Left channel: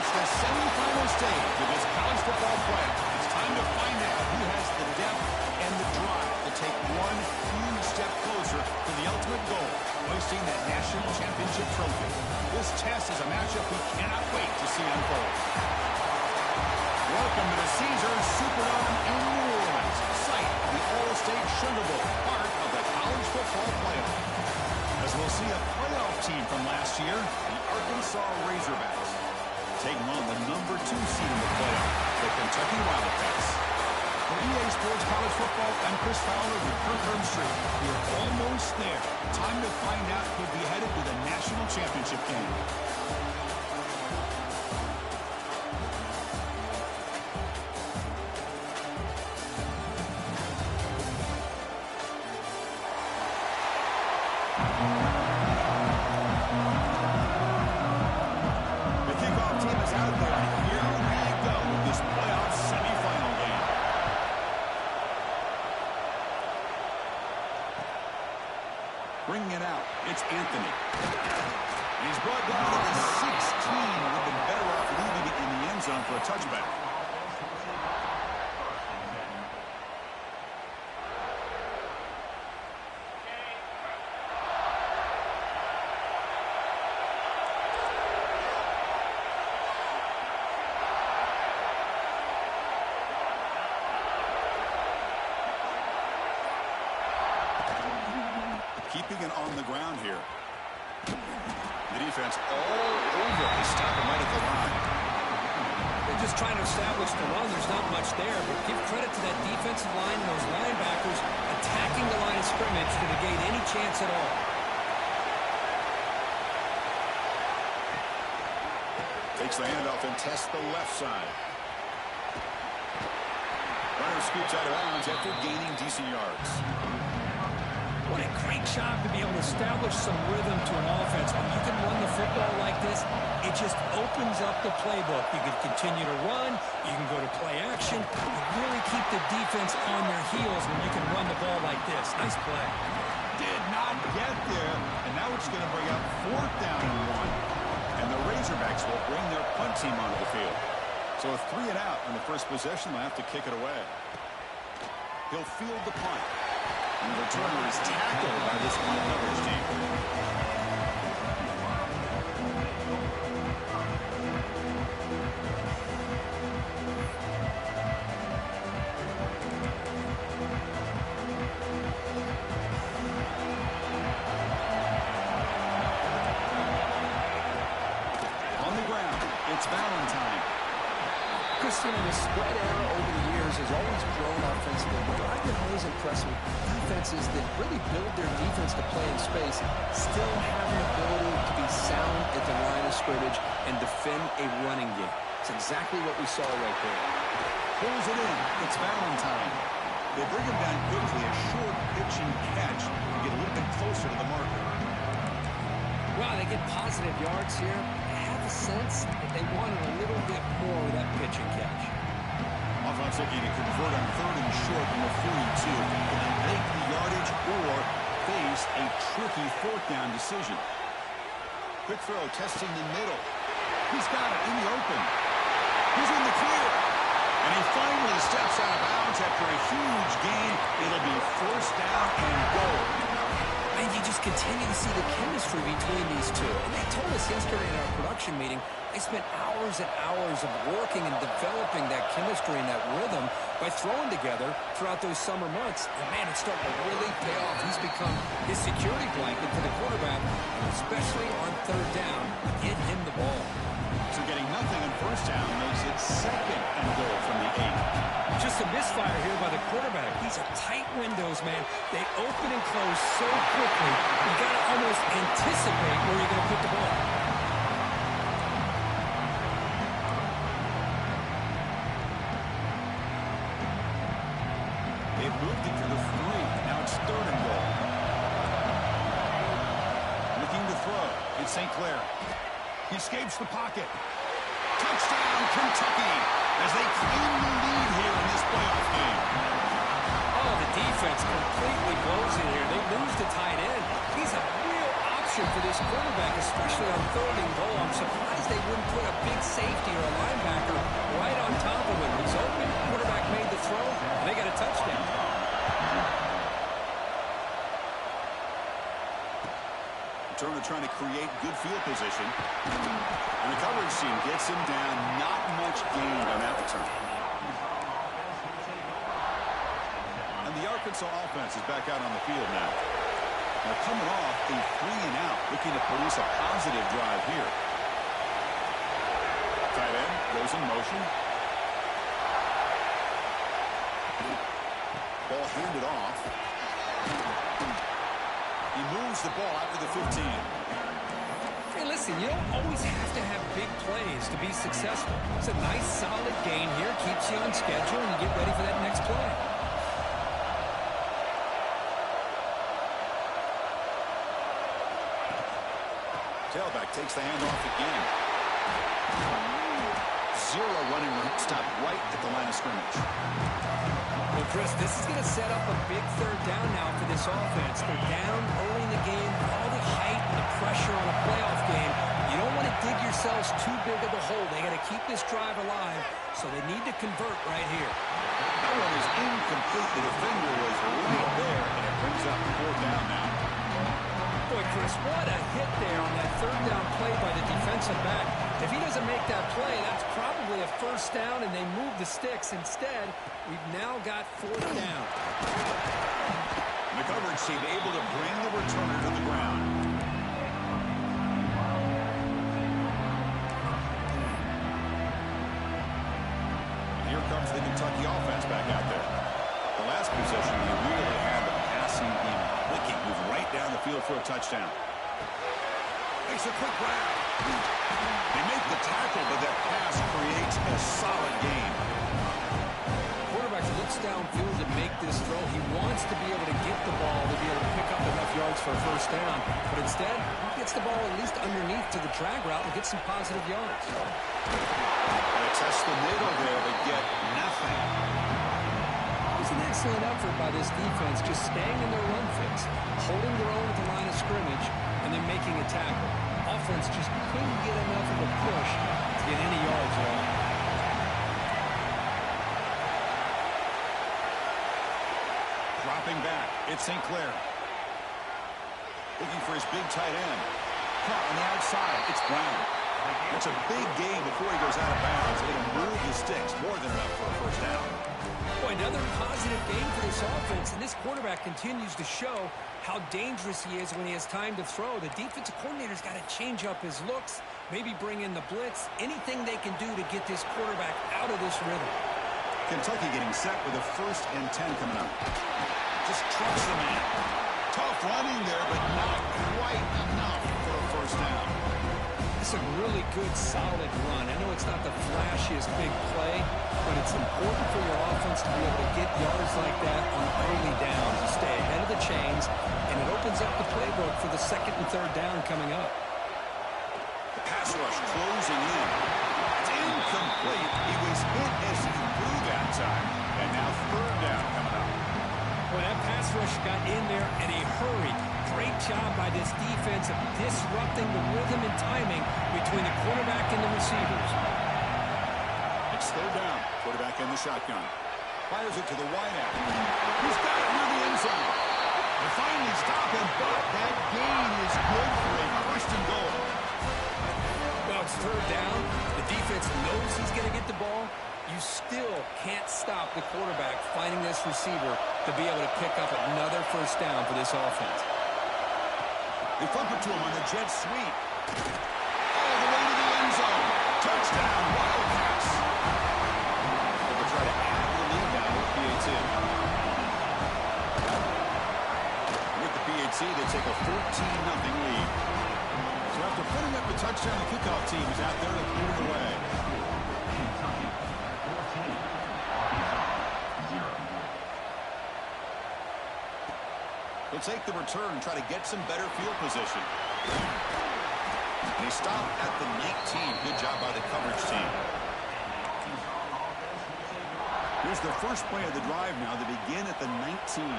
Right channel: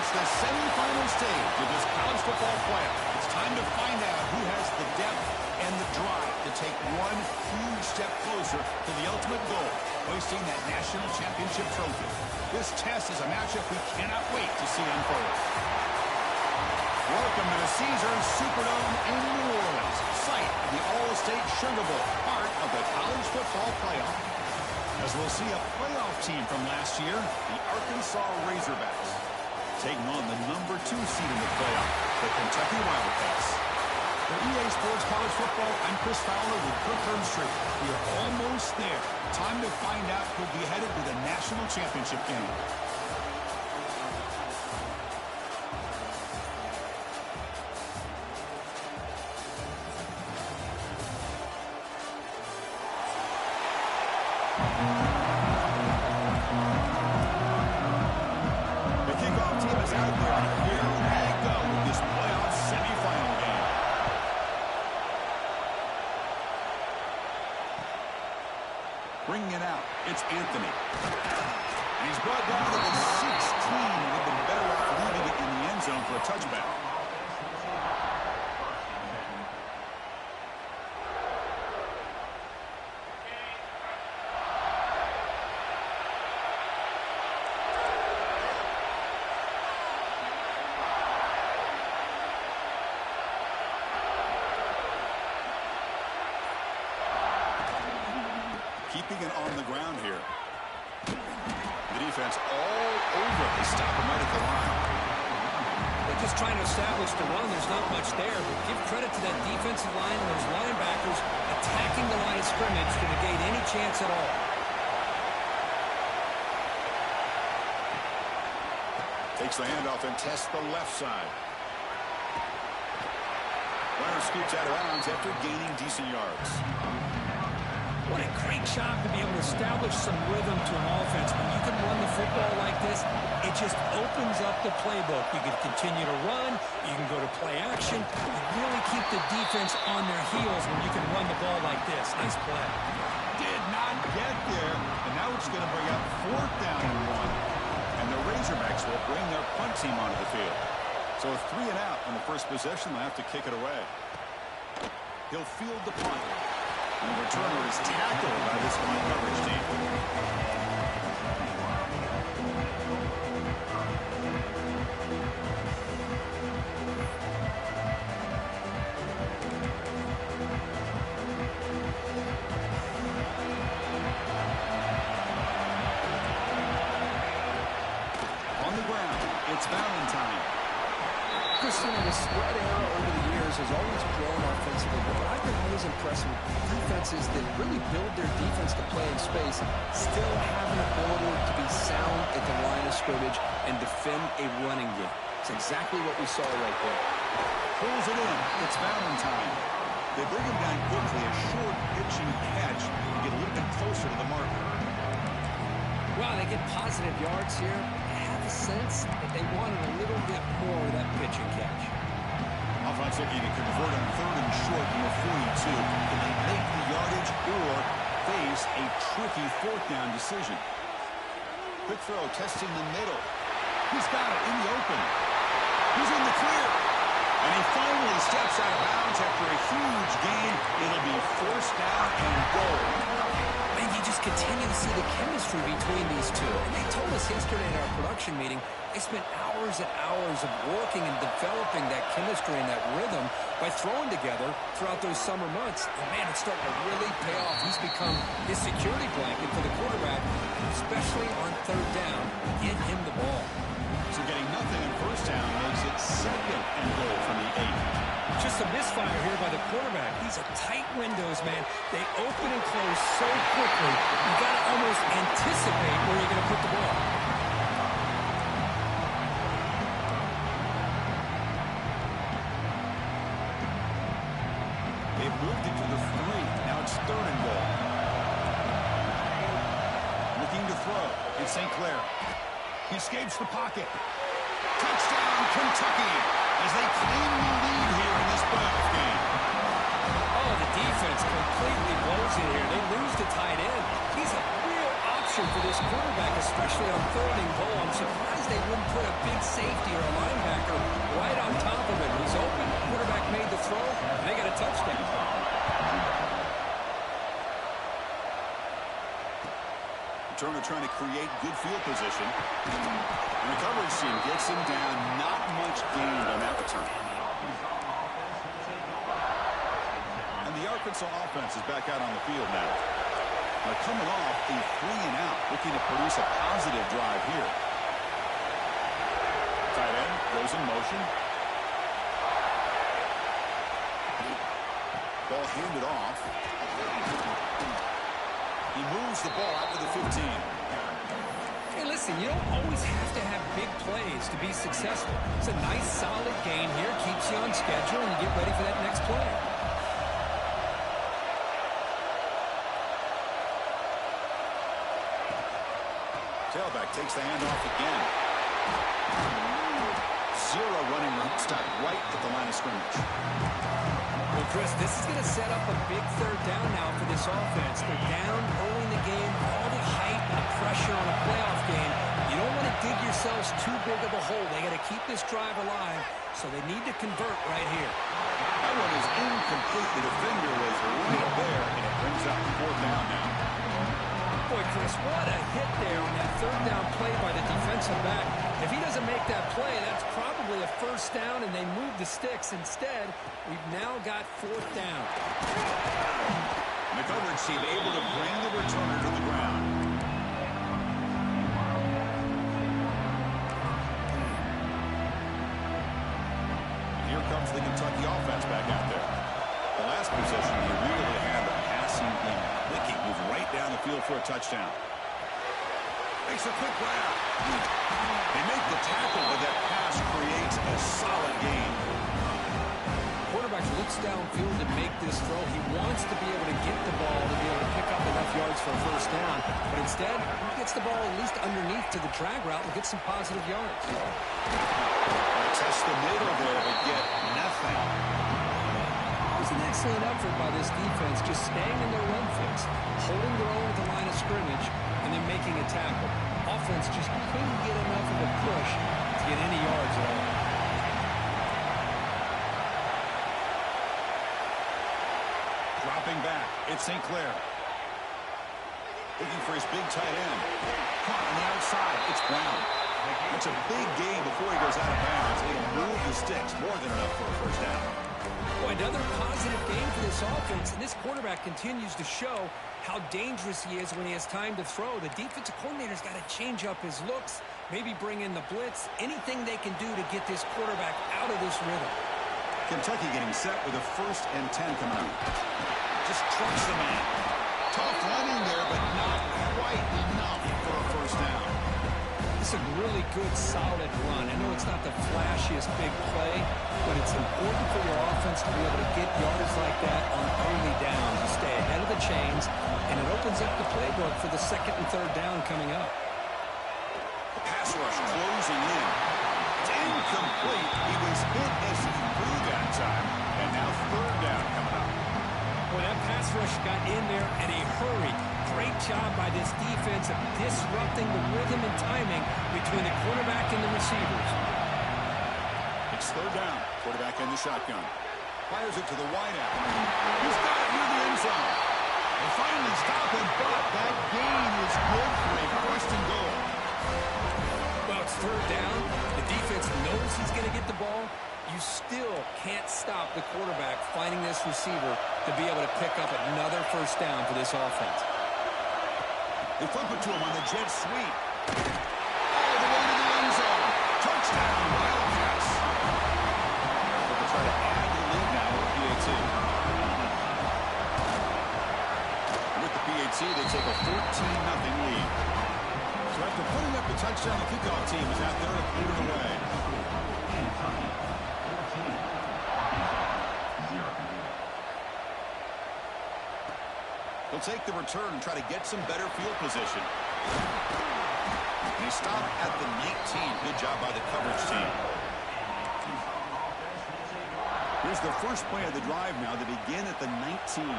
reached the semifinal stage of this college football playoff. It's time to find out who has the depth and the drive to take one huge step closer to the ultimate goal, hoisting that national championship trophy. This test is a matchup we cannot wait to see unfold. Welcome to the Caesars Superdome in New Orleans, site of the All-State Sugar Bowl, part of the college football playoff. As we'll see a playoff team from last year, the Arkansas Razorbacks, taking on the number 2 seed in the playoff, the Kentucky Wildcats. For EA Sports College Football, I'm Chris Fowler with Kirk Herbstreit. We are almost there. Time to find out who'll be headed to the national championship game. Bringing it out, it's Anthony. And he's brought down to the 16. Would have been better off leaving it in the end zone for a touchback. Keeping it on the ground here. The defense all over. They stop him right at the line. They're just trying to establish the run. There's not much there, but give credit to that defensive line and those linebackers attacking the line of scrimmage to negate any chance at all. Takes the handoff and tests the left side. Runner scoots out of bounds after gaining decent yards. What a great job to be able to establish some rhythm to an offense. When you can run the football like this, it just opens up the playbook. You can continue to run. You can go to play action. You really keep the defense on their heels when you can run the ball like this. Nice play. Did not get there, and now it's going to bring up 4th down and 1. And the Razorbacks will bring their punt team onto the field. So a 3 and out on the first possession. They'll have to kick it away. He'll field the punt. And the returner is tackled by this punt coverage team. On the ground, it's Valentine. Christian, the spread era over the years has always grown offensively, but I've been always impressed with defenses that really build their defense to play in space, still have an ability to be sound at the line of scrimmage and defend a running game. It's exactly what we saw right there. Pulls it in. It's Valentine. They bring him down quickly, a short pitch and catch to get a little bit closer to the marker. Wow, they get positive yards here. Sense that they wanted a little bit more of that pitch and catch. Offense looking to convert on 3rd and short from a 42. Can they make the yardage or face a tricky 4th down decision? Quick throw, testing the middle. He's got it in the open. He's in the clear. And he finally steps out of bounds after a huge gain. It'll be 4th down and goal. And you just continue to see the chemistry between these two. And they told us yesterday in our production meeting, they spent hours and hours of working and developing that chemistry and that rhythm by throwing together throughout those summer months. And, man, it's starting to really pay off. He's become his security blanket for the quarterback, and especially on 3rd down, get him the ball. So getting nothing on 1st down makes it 2nd and goal from the 8. Just a misfire here by the quarterback. These are tight windows, man. They open and close so quickly. You got to almost anticipate where you're going to put the ball. They've moved it to the 3. Now it's 3rd and goal. Looking to throw. It's St. Clair. He escapes the pocket. Touchdown, Kentucky, as they claim the lead here in this playoff game. Oh, the defense completely blows it here. They lose to tight end. He's a real option option for this quarterback, especially on 3rd and goal. I'm surprised they wouldn't put a big safety or a linebacker right on top of him. He's open, quarterback made the throw, and they got a touchdown. Turner trying to create good field position. And the coverage team gets him down. Not much gained on that return. And the Arkansas offense is back out on the field now. They're coming off a 3-and-out, looking to produce a positive drive here. Tight end goes in motion. Ball handed off. He moves the ball out to the 15. Hey, listen, you don't always have to have big plays to be successful. It's a nice, solid gain here. Keeps you on schedule, and you get ready for that next play. Tailback takes the handoff again. Zero running room. Stop right at the line of scrimmage. Well, Chris, this is going to set up a big 3rd down now for this offense. They're down early in the game. All the hype and the pressure on a playoff game. You don't want to dig yourselves too big of a hole. They got to keep this drive alive, so they need to convert right here. That one is incomplete. The defender was right there, and it brings up 4th down now. Boy, Chris, what a hit there on that 3rd down play by the defensive back. If he doesn't make that play, that's probably a 1st down, and they move the sticks. Instead, we've now got 4th down. The coverage team able to bring the returner to the ground. Here comes the Kentucky offense back out there. The last possession, he really had the passing game clicking. Moved right down the field for a touchdown. Makes a quick grab. They make the tackle, but that pass creates a solid gain. Quarterback looks downfield to make this throw. He wants to be able to get the ball to be able to pick up enough yards for a 1st down. But instead, he gets the ball at least underneath to the drag route and gets some positive yards. They test the middle there, but get nothing. It was an excellent effort by this defense, just staying in their run fix, holding their own at the line of scrimmage, and then making a tackle. Offense just couldn't get enough of a push to get any yards at all. Dropping back, it's St. Clair. Looking for his big tight end. Caught on the outside, it's Brown. It's a big gain before he goes out of bounds. It'll move the sticks, more than enough for a 1st down. Boy, another positive game for this offense, and this quarterback continues to show how dangerous he is when he has time to throw. The defensive coordinator's got to change up his looks, maybe bring in the blitz, anything they can do to get this quarterback out of this rhythm. Kentucky getting set with a 1st and 10 coming up. Just trucks the man. Tough running there, but not quite enough for a 1st down. It's a really good, solid run. I know it's not the flashiest big play, but it's important for your offense to be able to get yards like that on early downs. You stay ahead of the chains, and it opens up the playbook for the 2nd and 3rd down coming up. The pass rush closing in. It's incomplete. He was hit as he threw that time, and now 3rd down coming up. Well, that pass rush got in there in a hurry. Great job by this defense of disrupting the rhythm and timing between the quarterback and the receivers. It's 3rd down. Quarterback in the shotgun. Fires it to the wideout. He's got it near the end zone. They finally stop him, but that gain is good for a 1st and goal. Well, it's 3rd down. The defense knows he's going to get the ball. You still can't stop the quarterback finding this receiver to be able to pick up another 1st down for this offense. They flip it to him on the jet sweep. All the way to the end zone. Touchdown, Wildcats. They'll try to add to the lead now with the PAT. With the PAT, they take a 14-0 lead. So after putting up the touchdown, the kickoff team is out there to put it away. He'll take the return and try to get some better field position. And he stopped at the 19. Good job by the coverage team. Here's the first play of the drive now to begin at the 19.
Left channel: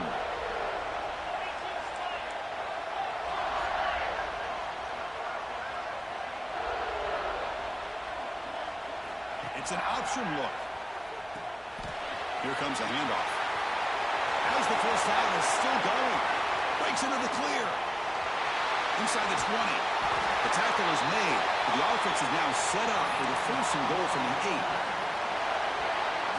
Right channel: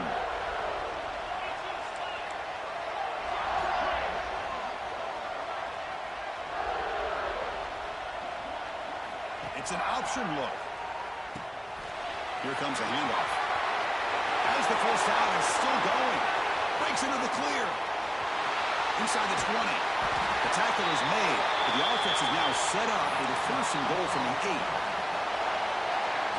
It's an option look. Here comes a handoff. As the first down is still going. Breaks into the clear. Inside the 20. The tackle is made, but the offense is now set up for the first and goal from the 8.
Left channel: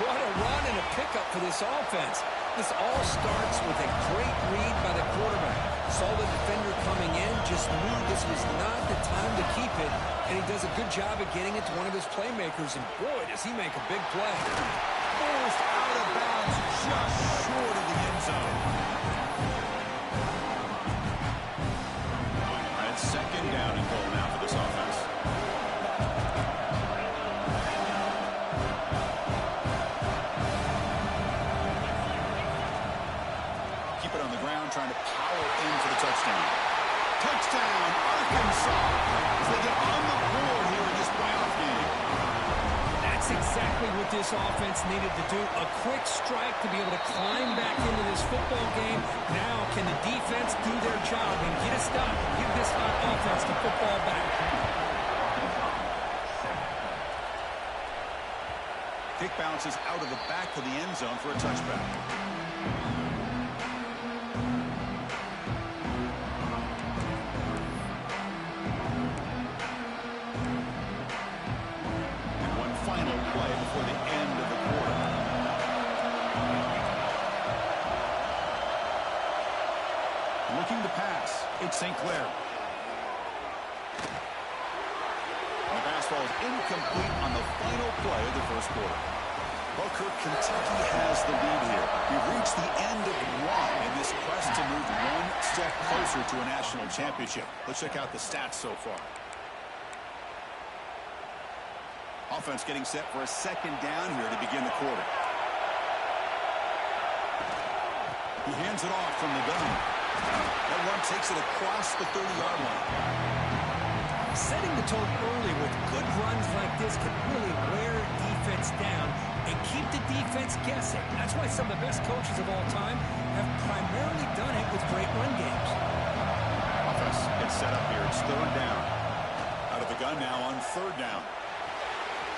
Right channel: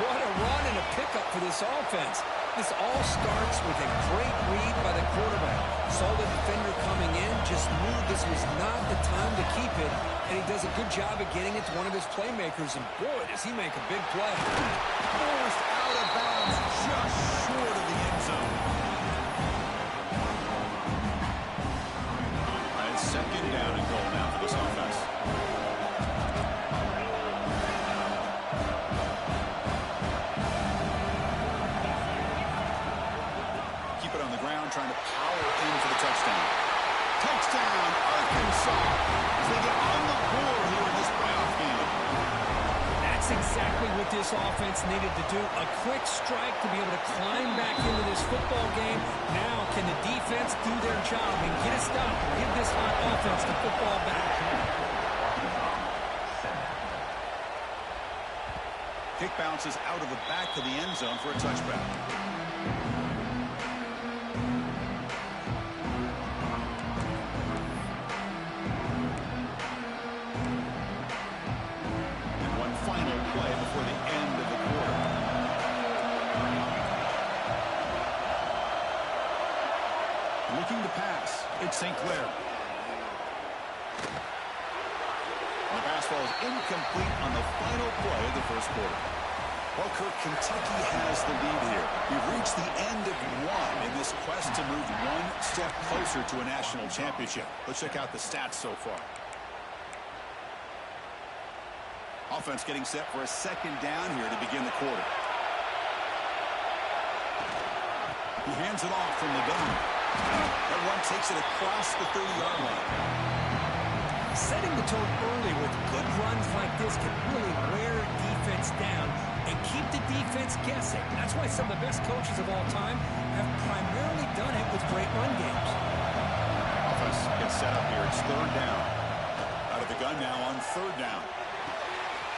What a run and a pickup for this offense. This all starts with a great read by the quarterback. Saw the defender coming in, just knew this was not the time to keep it, and he does a good job of getting it to one of his playmakers, and boy, does he make a big play. Forced out of bounds, just short of the end zone. All right, it's second down and goal now for this offense. Keep it on the ground, trying to power in for the touchdown. Touchdown, Arkansas, as they get on the board here in this playoff game. That's exactly what this offense needed to do. A quick strike to be able to climb back into this football game. Now, can the defense do their job and get a stop? Give this hot offense the football back. Kick bounces out of the back of the end zone for a touchback. Final play before the end of the quarter. Looking to pass. It's St. Clair. And the pass falls incomplete on the final play of the first quarter. Well, Kirk, Kentucky has the lead here. We've reached the end of one in this quest to move one step closer to a national championship. Let's check out the stats so far. Offense getting set for a second down here to begin the quarter. He hands it off from the gun. That run takes it across the 30-yard line. Setting the tone early with good runs like this can really wear defense down and keep the defense guessing. That's why some of the best coaches of all time have primarily done it with great run games. Offense gets set up here. It's third down. Out of the gun now on third down.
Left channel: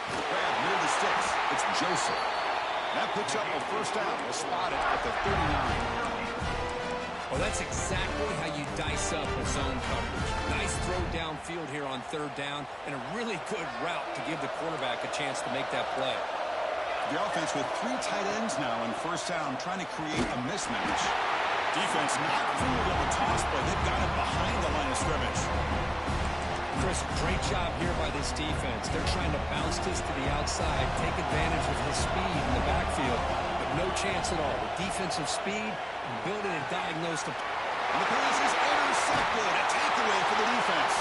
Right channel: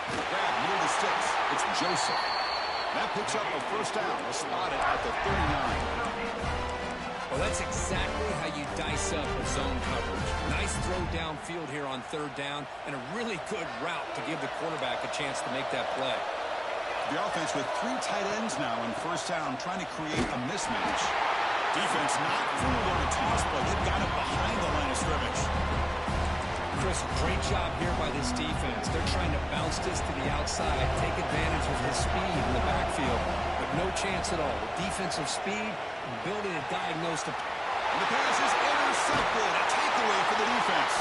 Grab near the sticks. It's Joseph. That picks up a first down. We'll spot it at the 39. Well, that's exactly how you dice up a zone coverage. Nice throw downfield here on third down, and a really good route to give the quarterback a chance to make that play. The offense with 3 tight ends now in first down, trying to create a mismatch. Defense not fooled on the toss play. They've got it behind the line of scrimmage. Chris, great job here by this defense. They're trying to bounce this to the outside, take advantage of his speed in the backfield, but no chance at all. The defensive speed, building and diagnosed. And the pass is intercepted. A takeaway for the defense.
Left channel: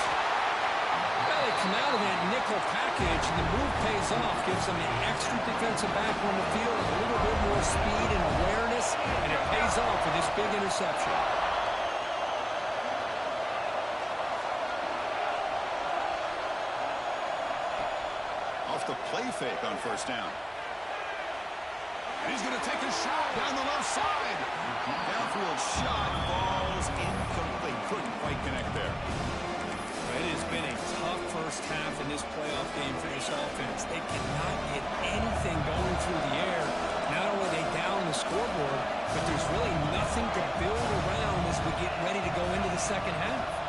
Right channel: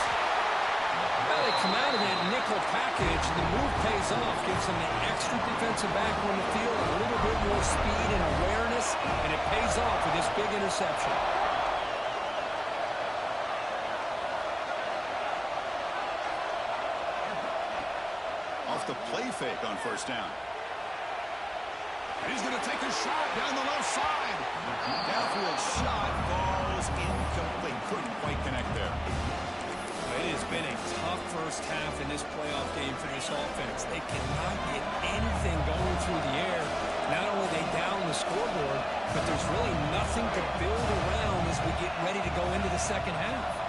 Well, they come out of that nickel package, and the move pays off, gives them an extra defensive back on the field, a little bit more speed and awareness, and it pays off with this big interception. Off the play fake on first down. And he's going to take a shot down the left side. Downfield shot falls incomplete. Couldn't quite connect there. It has been a tough first half in this playoff game for this offense. They cannot get anything going through the air. Not only are they down the scoreboard, but there's really nothing to build around as we get ready to go into the second half.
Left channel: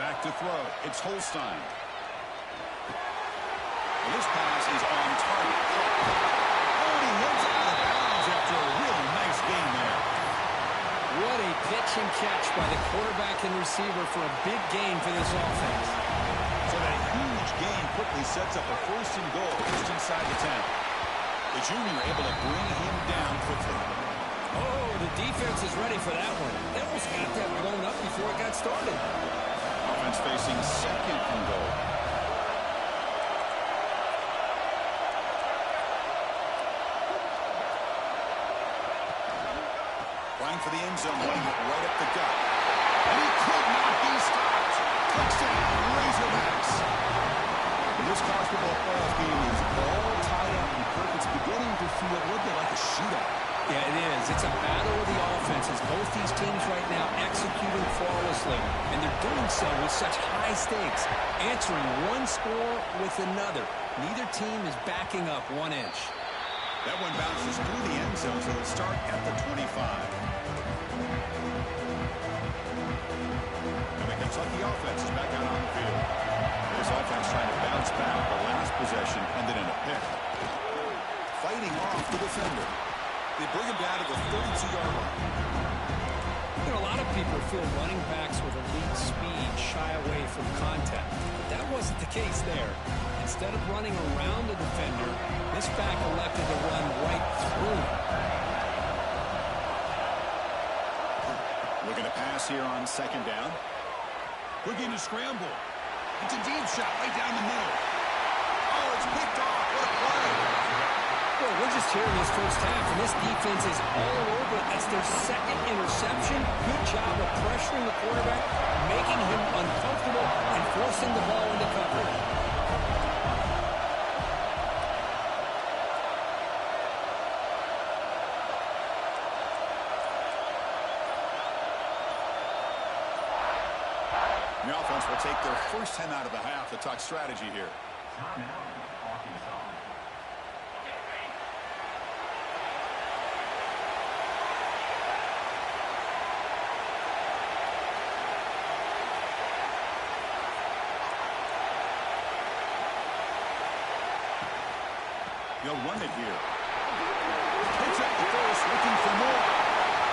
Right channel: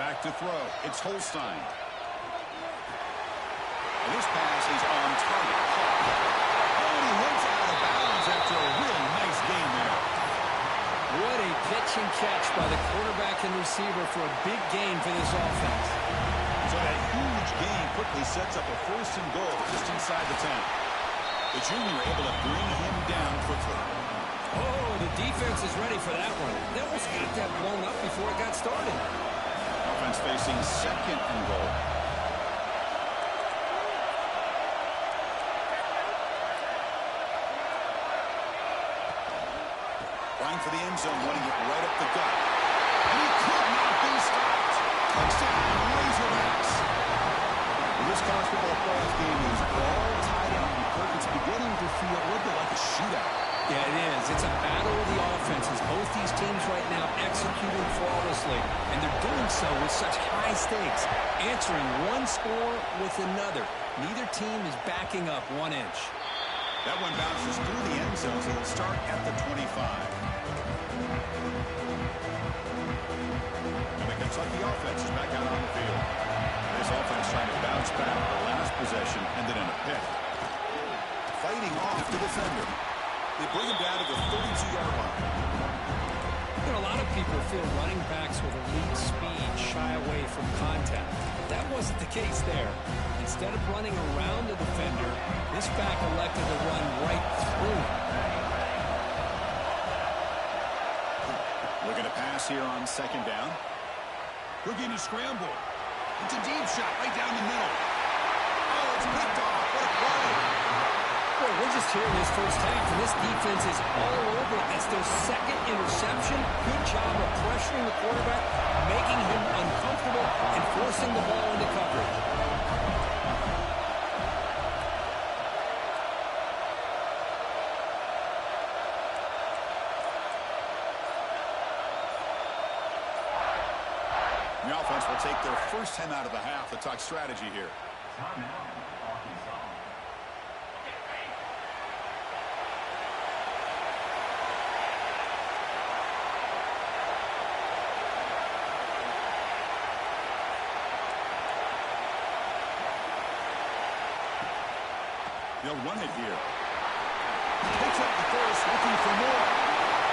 Back to throw. It's Holstein. And this pass is on target. Oh, and he heads out of bounds after a really nice gain there. What a pitch and catch by the quarterback and receiver for a big gain for this offense. So that huge gain quickly sets up a first and goal just inside the 10. The junior able to bring him down quickly. Oh, the defense is ready for that one. They almost got that blown up before it got started. Offense facing second and goal. Flying for the end zone, wanting it right up the gut. And he could not be stopped. Touchdown, Razorbacks. This college football playoff game is all tied up, and Kirk, it's beginning to feel a little bit like a shootout. Yeah, it is. It's a battle of the offenses. Both these teams right now executing flawlessly, and they're doing so with such high stakes, answering one score with another. Neither team is backing up 1 inch. That one bounces through the end zone, so they'll start at the 25. And the Kentucky offense is back out on the field. This offense trying to bounce back. The last possession ended in a pick. Fighting off the defender. They bring him down to the 32-yard line. You know, a lot of people feel running backs with elite speed shy away from contact. But that wasn't the case there. Instead of running around the defender, this back elected to run right through him. Looking to pass here on second down. Looking to scramble. It's a deep shot right down the middle. Oh, it's picked off. What a play. Well, we're just here in this first half, and this defense is all over it. That's their second interception. Good job of pressuring the quarterback, making him uncomfortable, and forcing the ball into coverage. The offense will take their first 10 out of the half to talk strategy here. They'll run it here. Picks up the first, looking for more.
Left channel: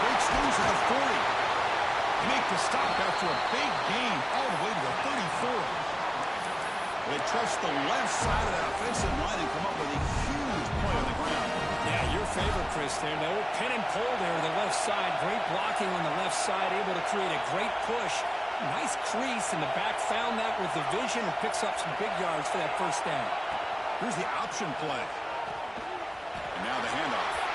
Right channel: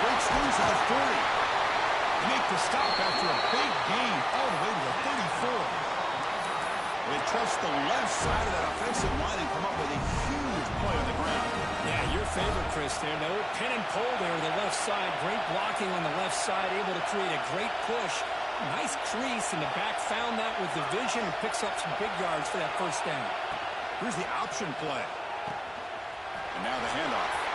Breaks loose at the 40. They make the stop after a big gain all the way to the 34. They trust the left side of that offensive line and come up with a huge play on the ground. Yeah, your favorite, Chris, there. The old pin and pull there to the left side. Great blocking on the left side, able to create a great push. Nice crease, and the back found that with the vision and picks up some big yards for that first down. Here's the option play. And now the handoff.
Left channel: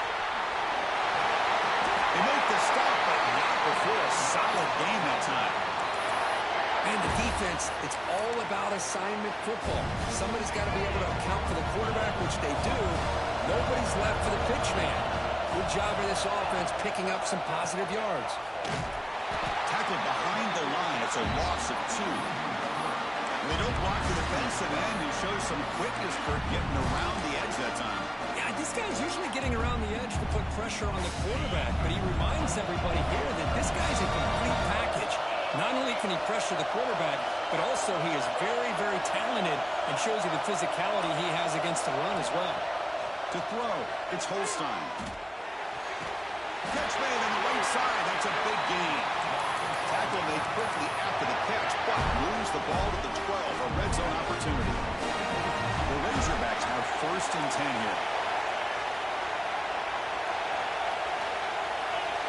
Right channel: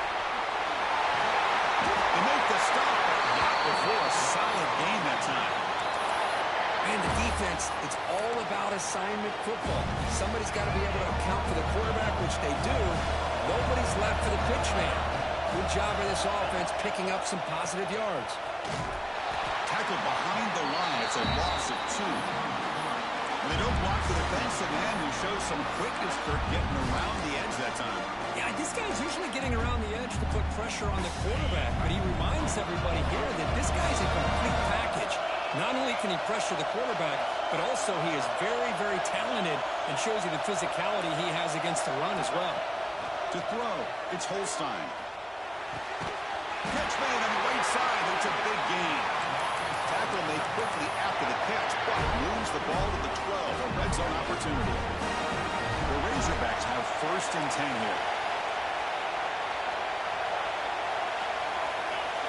They make the stop, but not before a solid gain that time. And the defense, it's all about assignment football. Somebody's got to be able to account for the quarterback, which they do. Nobody's left for the pitch man. Good job of this offense picking up some positive yards. Tackled behind the line. It's a loss of 2. And they don't block the defensive end, who shows some quickness, Kirk, getting around the edge that time. Yeah, this guy's usually getting around the edge to put pressure on the quarterback, but he reminds everybody here that this guy's a complete package. Not only can he pressure the quarterback, but also he is very, very talented and shows you the physicality he has against the run as well. To throw, it's Holstein. Catch made on the right side. That's a big gain. Tackle made quickly after the catch, but moves the ball to the 12, a red zone opportunity. The Razorbacks have first and 10 here.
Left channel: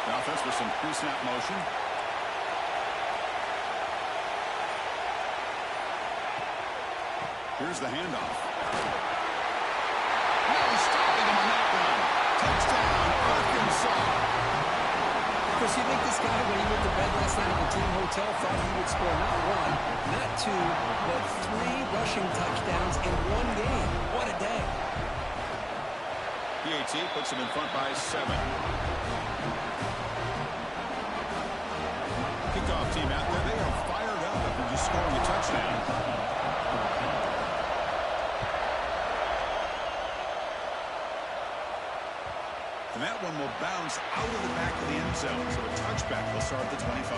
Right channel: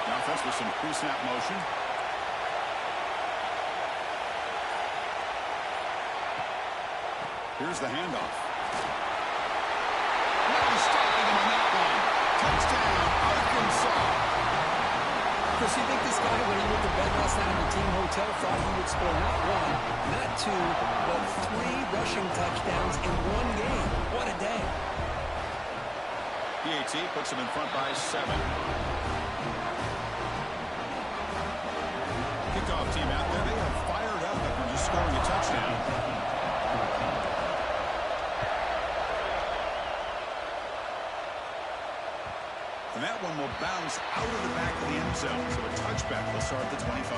The offense with some pre-snap motion. Here's the handoff. Now he's stopping him on that one. Touchdown, Arkansas. Chris, you think this guy, when he went to bed last night at the team hotel, thought he would score not 1, not 2, but 3 rushing touchdowns in 1 game? What a day. PAT puts him in front by 7. Kickoff team out there. They are fired up after just scoring a touchdown. And that one will bounce out of the back of the end zone. So a touchback will start at the 25.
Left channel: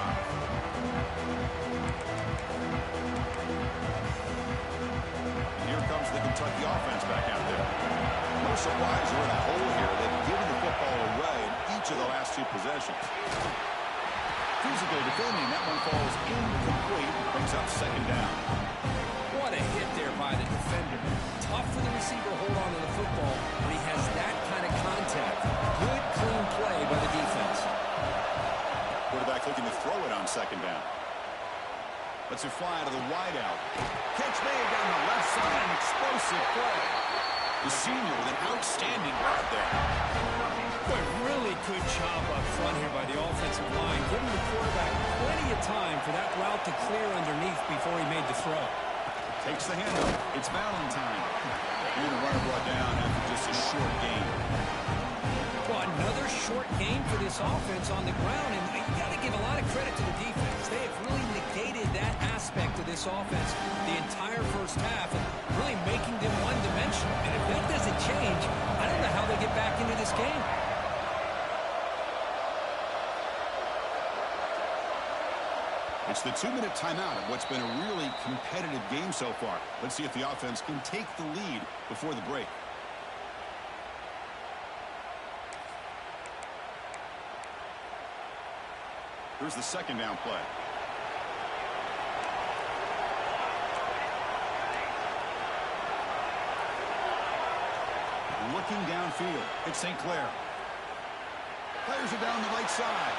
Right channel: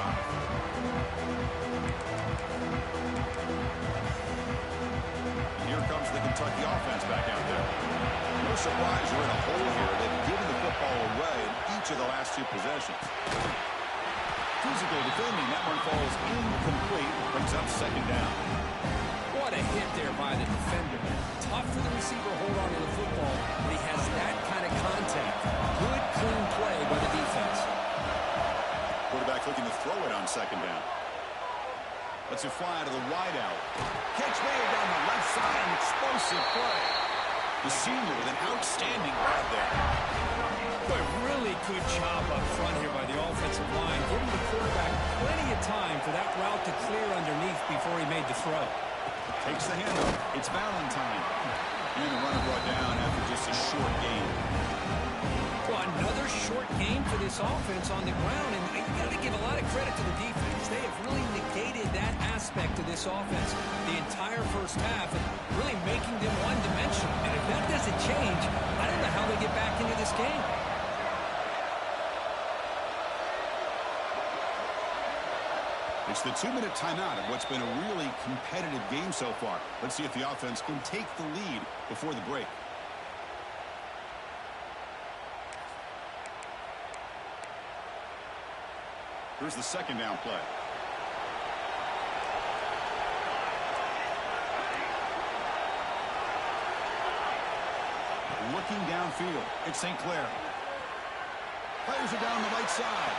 And here comes the Kentucky offense back out there. No surprise they're in a hole here. They've given the football away in each of the last 2 possessions. Physical defending. That one falls incomplete. Brings up second down. What a hit there by the defender. Tough for the receiver to hold on to the football when he has that kind of contact. Good, clean play by the defense. Quarterback looking to throw it on second down. Lets it fly to the wide out. Catch made down the left side. An explosive play. The senior with an outstanding grab there. Boy, really good job up front here by the offensive line, giving the quarterback plenty of time for that route to clear underneath before he made the throw. Takes the handoff. It's Valentine. And the runner brought down after just a short gain. Well, another short game for this offense on the ground, and you got to give a lot of credit to the defense. They have really negated that aspect of this offense the entire first half and really making them one-dimensional. And if that doesn't change, I don't know how they get back into this game. It's the 2-minute timeout of what's been a really competitive game so far. Let's see if the offense can take the lead before the break. Here's the second down play. Looking downfield, it's St. Clair. Fires it down the right side.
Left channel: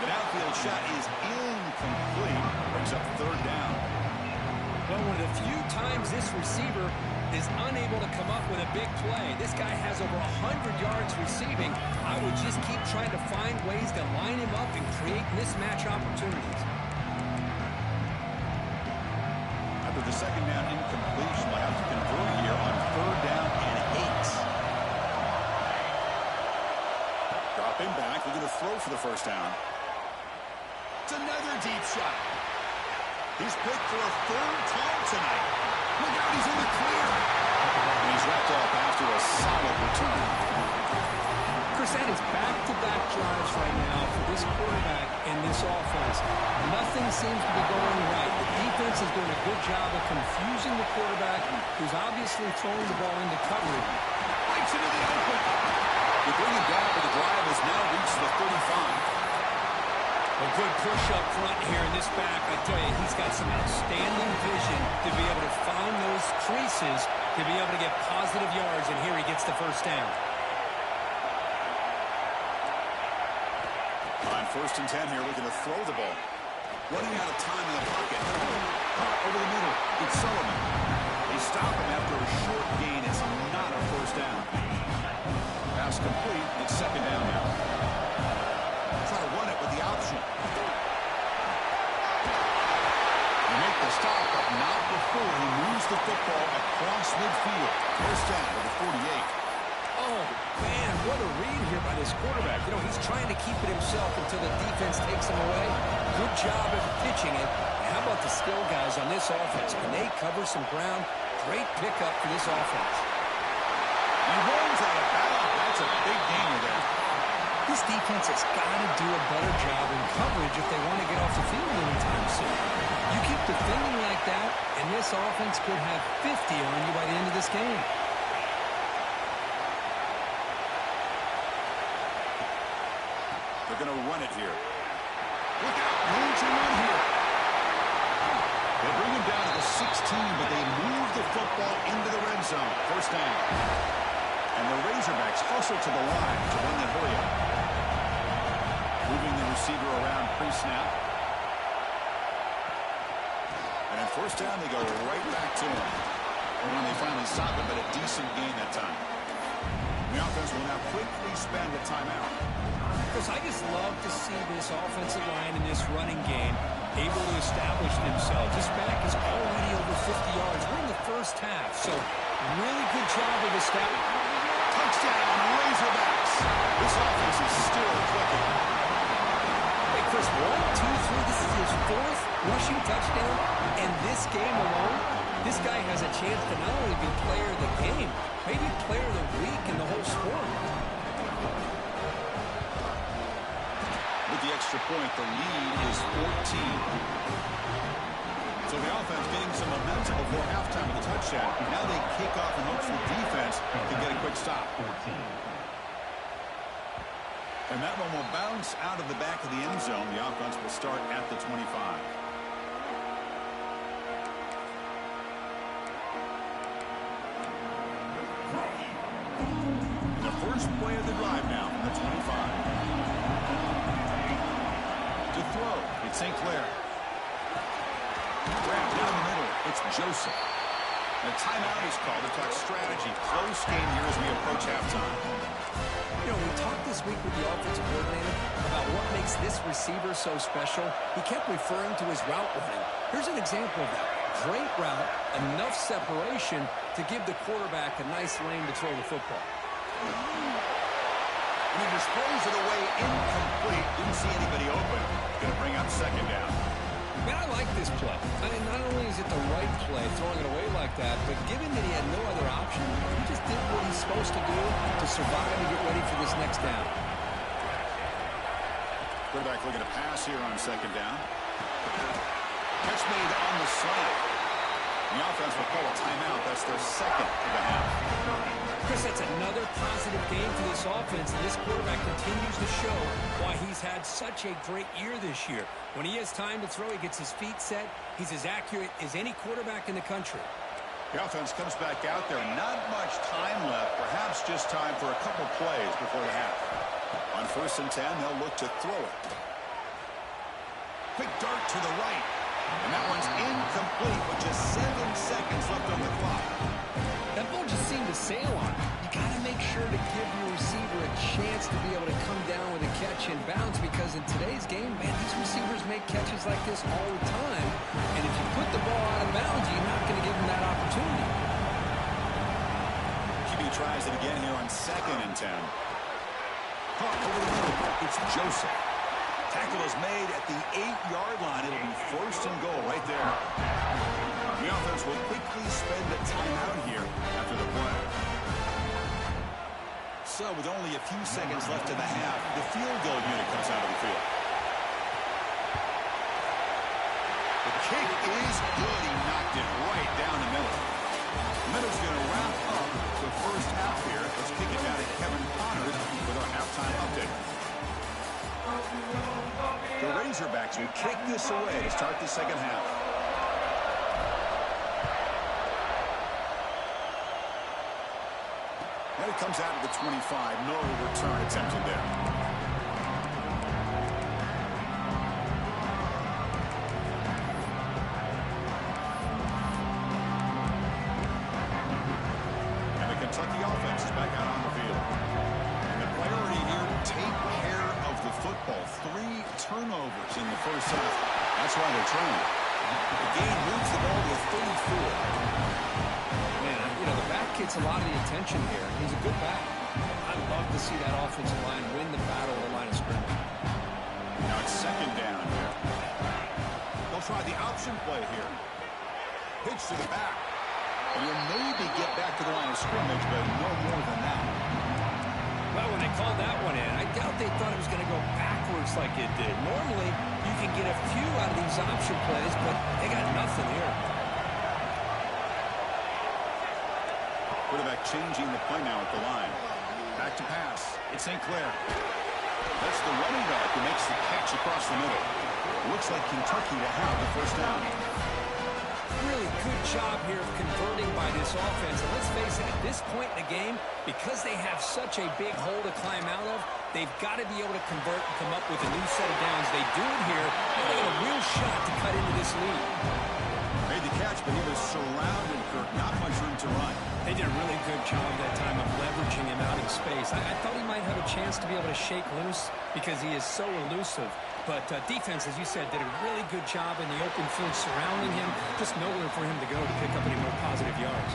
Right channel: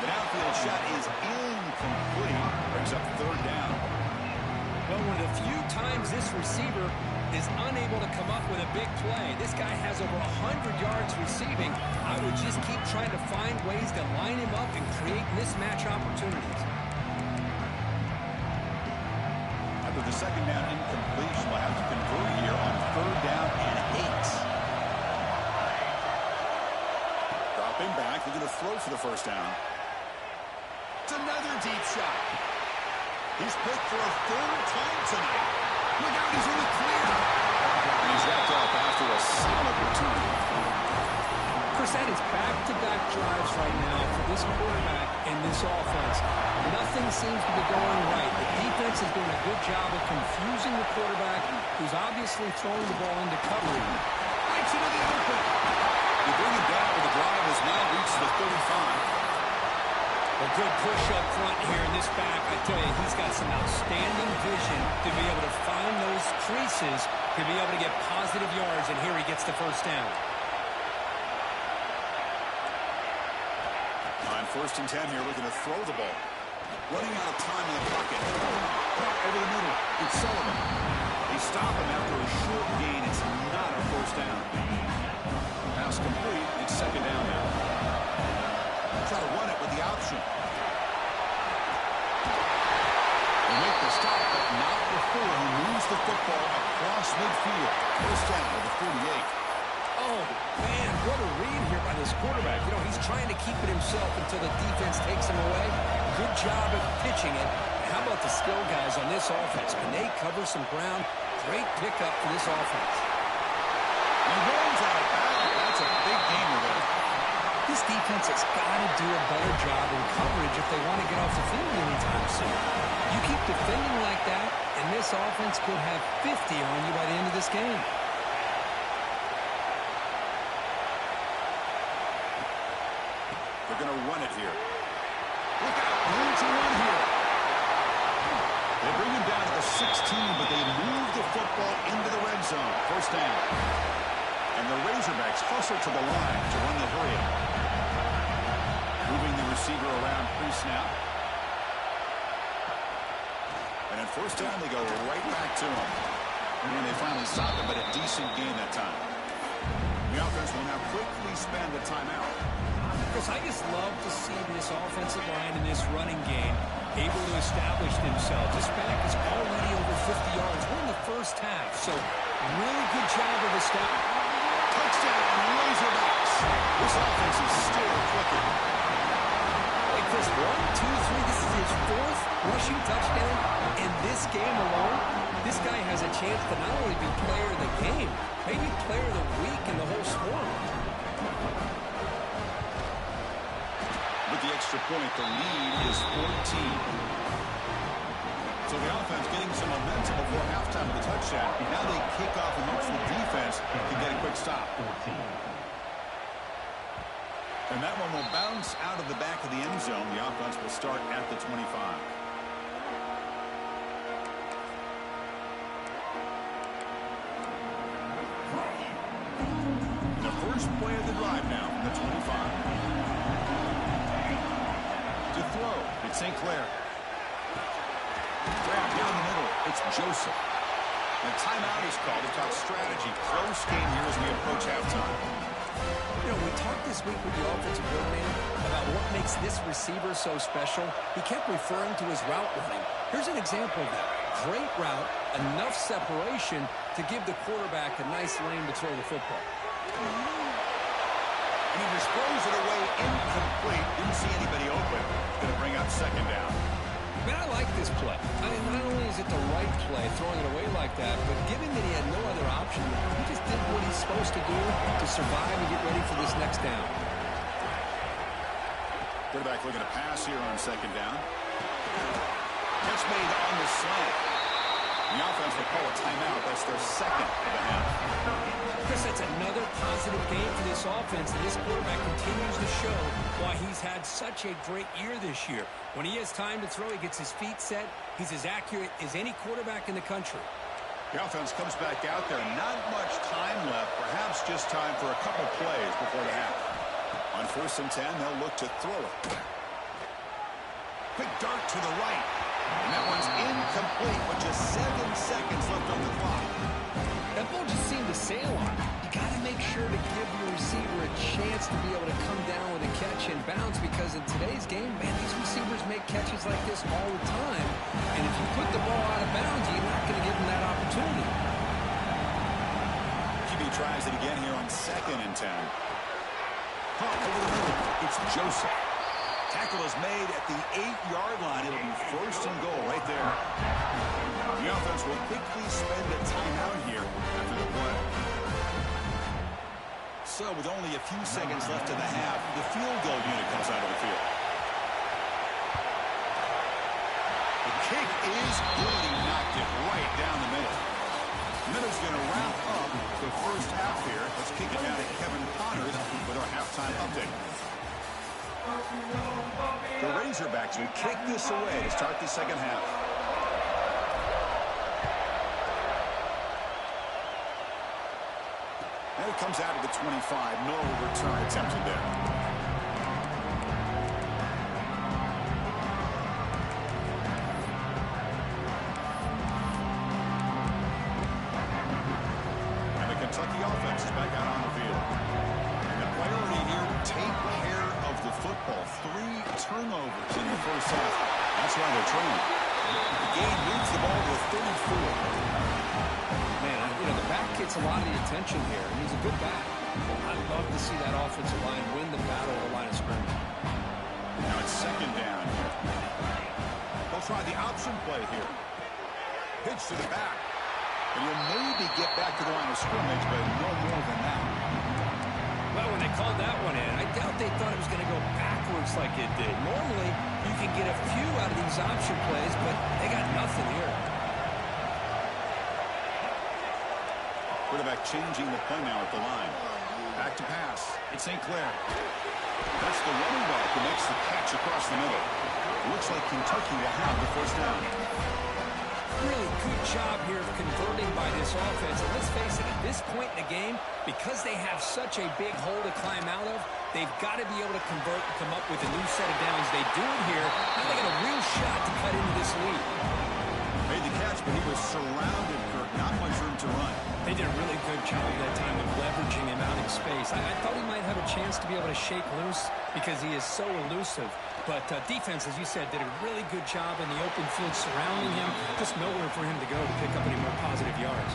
The downfield shot is incomplete. Brings up third down. Well, one of the few times this receiver is unable to come up with a big play. This guy has over 100 yards receiving. I would just keep trying to find ways to line him up and create mismatch opportunities. After the second down incompletion, we'll have to convert here on third down and 8. Dropping back, looking to throw for the first down. It's another deep shot. He's picked for a third time tonight. Look out, he's in the clear. And he's wrapped up after a solid return. Chris, that is back-to-back drives right now for this quarterback and this offense. Nothing seems to be going right. The defense is doing a good job of confusing the quarterback, who's obviously throwing the ball into coverage. Breaks into the open. They bring it down, but the drive has now reached the 35. A good push up front here in this back. I tell you, he's got some outstanding vision to be able to find those creases to be able to get positive yards, and here he gets the first down. On 1st and 10 here, looking to throw the ball. Running out of time in the pocket. Caught over the middle. It's Sullivan. They stop him after a short gain. It's not a first down. Pass complete. It's second down now. Try to run it with the option. They make the stop, but not before he moves the football across midfield. First down to the 48. Oh, man, what a read here by this quarterback. You know, he's trying to keep it himself until the defense takes him away. Good job at pitching it. How about the skill guys on this offense? Can they cover some ground? Great pickup for this offense. He runs out of bounds. That's a big gainer there. This defense has got to do a better job in coverage if they want to get off the field anytime soon. You keep defending like that, and this offense could have 50 on you by the end of this game. They're going to run it here. Look out, room to run here. They bring him down to the 16, but they move the football into the red zone. First down. And the Razorbacks hustle to the line to run that hurry up. Moving the receiver around pre-snap. And at first down, they go right back to him. And when they finally stop him, but a decent gain that time. The offense will now quickly spend a timeout. Chris, I just love to see this offensive line in this running game able to establish themselves. This back is already over 50 yards. We're in the first half, so really good job of establishing. Touchdown, Razorbacks. This offense is still clicking. Hey, Chris, 1, 2, 3. This is his 4th rushing touchdown in this game alone. This guy has a chance to not only be player of the game, maybe player of the week in the whole sport. With the extra point, the lead is 14. So the offense getting some momentum before halftime with the touchdown. Now they kick off and hopes the defense can get a quick stop. And that one will bounce out of the back of the end zone. The offense will start at the 25. And the first play of the drive now from the 25. To throw, it's St. Clair. Grab down the middle, it's Joseph. And a timeout is called to talk strategy. Close game here as we approach halftime. You know, we talked this week with the offensive coordinator about what makes this receiver so special. He kept referring to his route running. Here's an example of that. Great route, enough separation to give the quarterback a nice lane to throw the football. And he just throws it away incomplete. Didn't see anybody open. It's going to bring up second down. Man, I like this play. I mean, not only is it the right play, throwing it away like that, but given that he had no other option, he just did what he's supposed to do to survive and get ready for this next down. Quarterback looking to pass here on second down. Catch made on the slant. The offense will call a timeout. That's their second of the half. Chris, that's another positive game for this offense, and this quarterback continues to show why he's had such a great year this year. When he has time to throw, he gets his feet set. He's as accurate as any quarterback in the country. The offense comes back out there. Not much time left. Perhaps just time for a couple plays before the half. On 1st and 10, they'll look to throw it. Quick dart to the right. And that one's incomplete with just 7 seconds left on the clock. That ball just seemed to sail on him. You got to make sure to give your receiver a chance to be able to come down with a catch and bounce, because in today's game, man, these receivers make catches like this all the time. And if you put the ball out of bounds, you're not going to give them that opportunity. QB tries it again here on 2nd and 10. Caught over the middle. It's Joseph. Tackle is made at the 8-yard line. It'll be 1st and goal right there. The offense will quickly spend a timeout here after the play. So with only a few seconds left in the half, the field goal unit comes out of the field. The kick is good. He knocked it right down the middle. Minutes going to wrap up the first half here. Let's kick it down to Kevin Connors with our halftime update. The Razorbacks will kick this away to start the second half. And it comes out of the 25. No return attempted there. And the Kentucky offense is back out on the field. And the priority here, take care of the football. 3 turnovers in the first half. That's why they're training. The game moves the ball to a 34. Man, you know, the back gets a lot of the attention here, and he's a good back. I love to see that offensive line win the battle of the line of scrimmage. Now it's second down here. They'll try the option play here. Pitch to the back. And he'll maybe get back to the line of scrimmage, but no more than that. Well, when they called that one in, I doubt they thought it was going to go backwards like it did. Normally, you can get a few out of these option plays, but they got nothing here. Quarterback changing the play now at the line. Back to pass. It's St. Clair. That's the running back who makes the catch across the middle. Looks like Kentucky will have the first down. Really good job here of converting by this offense. And let's face it, at this point in the game, because they have such a big hole to climb out of, they've got to be able to convert and come up with a new set of downs. They do it here. Now they got a real shot to cut into this lead. Made the catch, but he was surrounded, Kirk. Not much room to run. They did a really good job that time of leveraging him out in space. I thought he might have a chance to be able to shake loose because he is so elusive. But defense, as you said, did a really good job in the open field surrounding him. Just nowhere for him to go to pick up any more positive yards.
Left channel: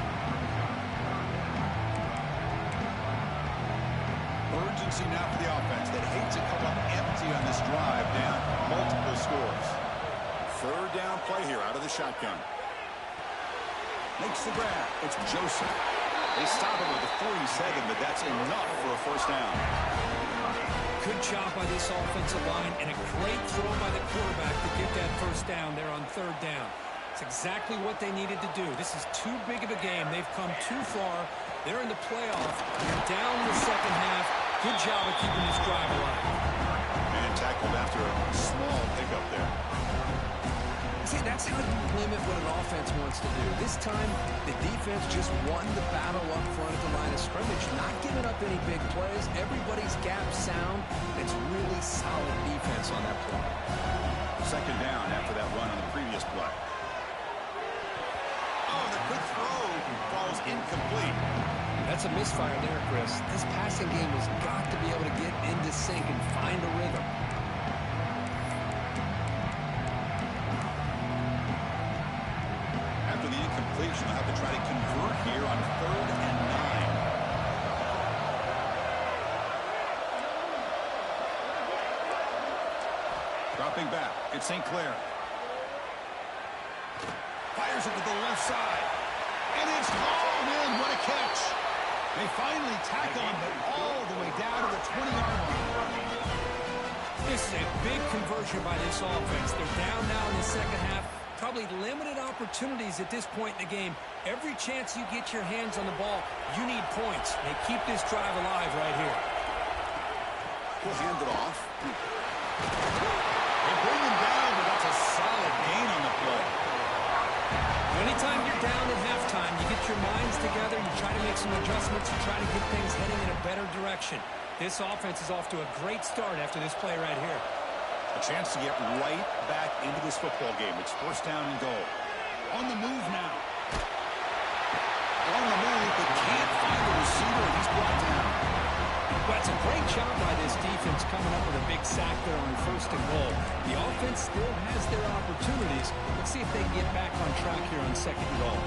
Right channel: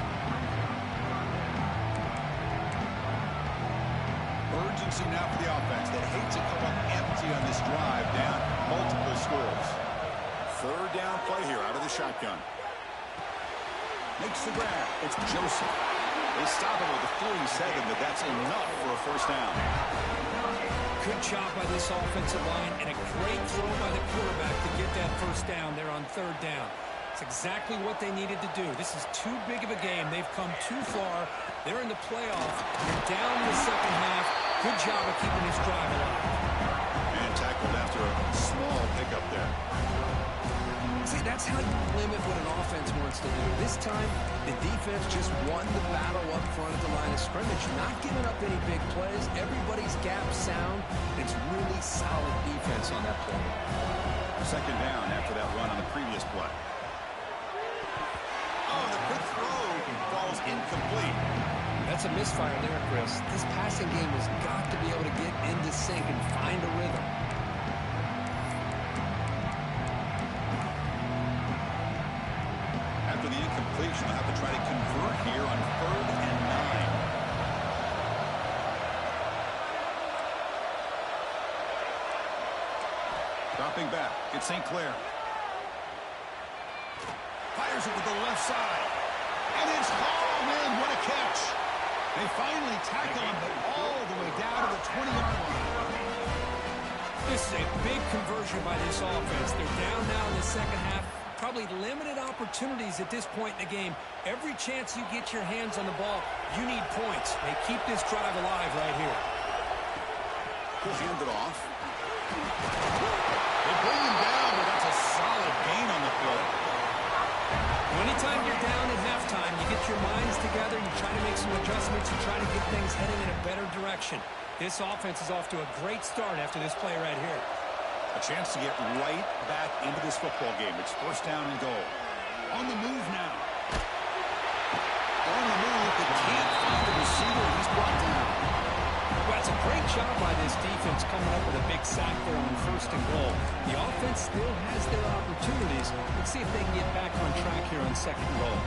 Urgency now for the offense that hates to come up empty on this drive, down multiple scores. Third down play here out of the shotgun. Makes the grab. It's Joseph. They stop him with a 47, but that's enough for a first down. Good job by this offensive line and a great throw by the quarterback to get that first down there on third down. It's exactly what they needed to do. This is too big of a game. They've come too far. They're in the playoff. You're down in the second half. Good job of keeping this drive alive. And tackled after a small pickup there. See, that's how you limit what an offense wants to do. This time, the defense just won the battle up front at the line of scrimmage, not giving up any big plays. Everybody's gap sound. It's really solid defense on that play. Second down after that run on the previous play. Oh, the quick throw falls incomplete. That's a misfire there, Chris. This passing game has got to be able to get into sync and find a rhythm. completion. They'll have to try to convert here on 3rd and 9. Dropping back, it's St. Clair. Fires it to the left side. And it's hauled in. What a catch. They finally tackle him, but all the way down to the 20-yard line. This is a big conversion by this offense. They're down now in the second half. Probably limited opportunities at this point in the game. Every chance you get your hands on the ball, you need points. They keep this drive alive right here. He'll hand it off. They bring him down, but that's a solid gain on the play. Anytime you're down at halftime, you get your minds together, you try to make some adjustments, you try to get things heading in a better direction. This offense is off to a great start after this play right here. A chance to get right back into this football game. It's 1st down and goal. On the move now. On the move, but can't find the receiver, and he's brought down. Well, it's a great job by this defense coming up with a big sack there on 1st and goal. The offense still has their opportunities. Let's see if they can get back on track here on 2nd and goal.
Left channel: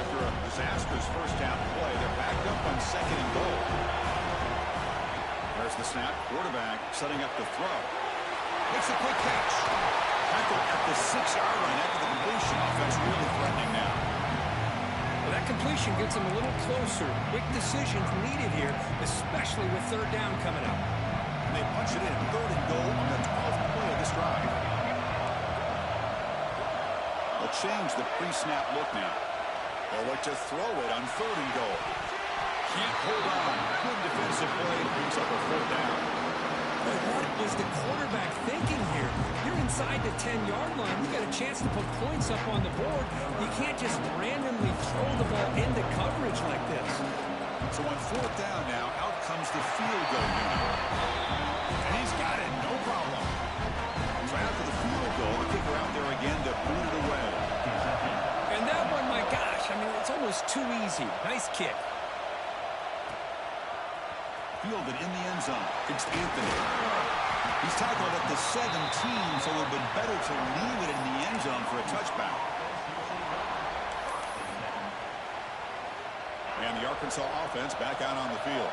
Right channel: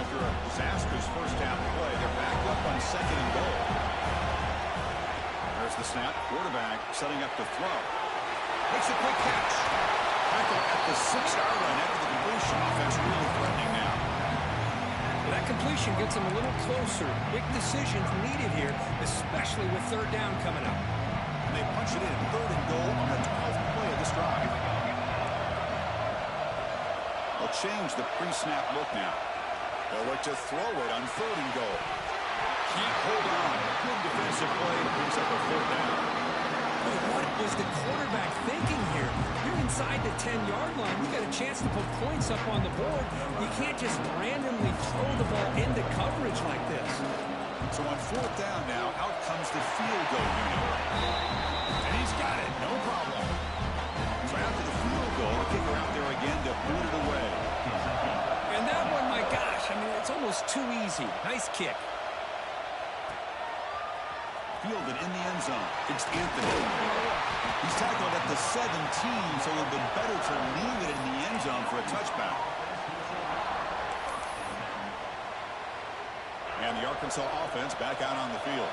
After a disastrous 1st down play, they're backed up on 2nd and goal. There's the snap. Quarterback setting up to throw. Makes a quick catch. Tackle at the 6-yard line after the completion. Offense really threatening now. Well, that completion gets them a little closer. Quick decisions needed here, especially with 3rd down coming up. And they punch it in. 3rd and goal on the 12th play of this drive. They'll change the pre-snap look now. They'll look to throw it on 3rd and goal. Can't hold on. Good defensive play. Brings up a 4th down. But what was the quarterback thinking here? You're inside the 10-yard line. You got a chance to put points up on the board. You can't just randomly throw the ball into coverage like this. So on 4th down now, out comes the field goal unit. And he's got it. No problem. So after the field goal, the kicker out there again to boot it away. And that one, my gosh, I mean, it's almost too easy. Nice kick. Fielded in the end zone. It's Anthony. He's tackled at the 17, so it would have been better to leave it in the end zone for a touchback. And the Arkansas offense back out on the field.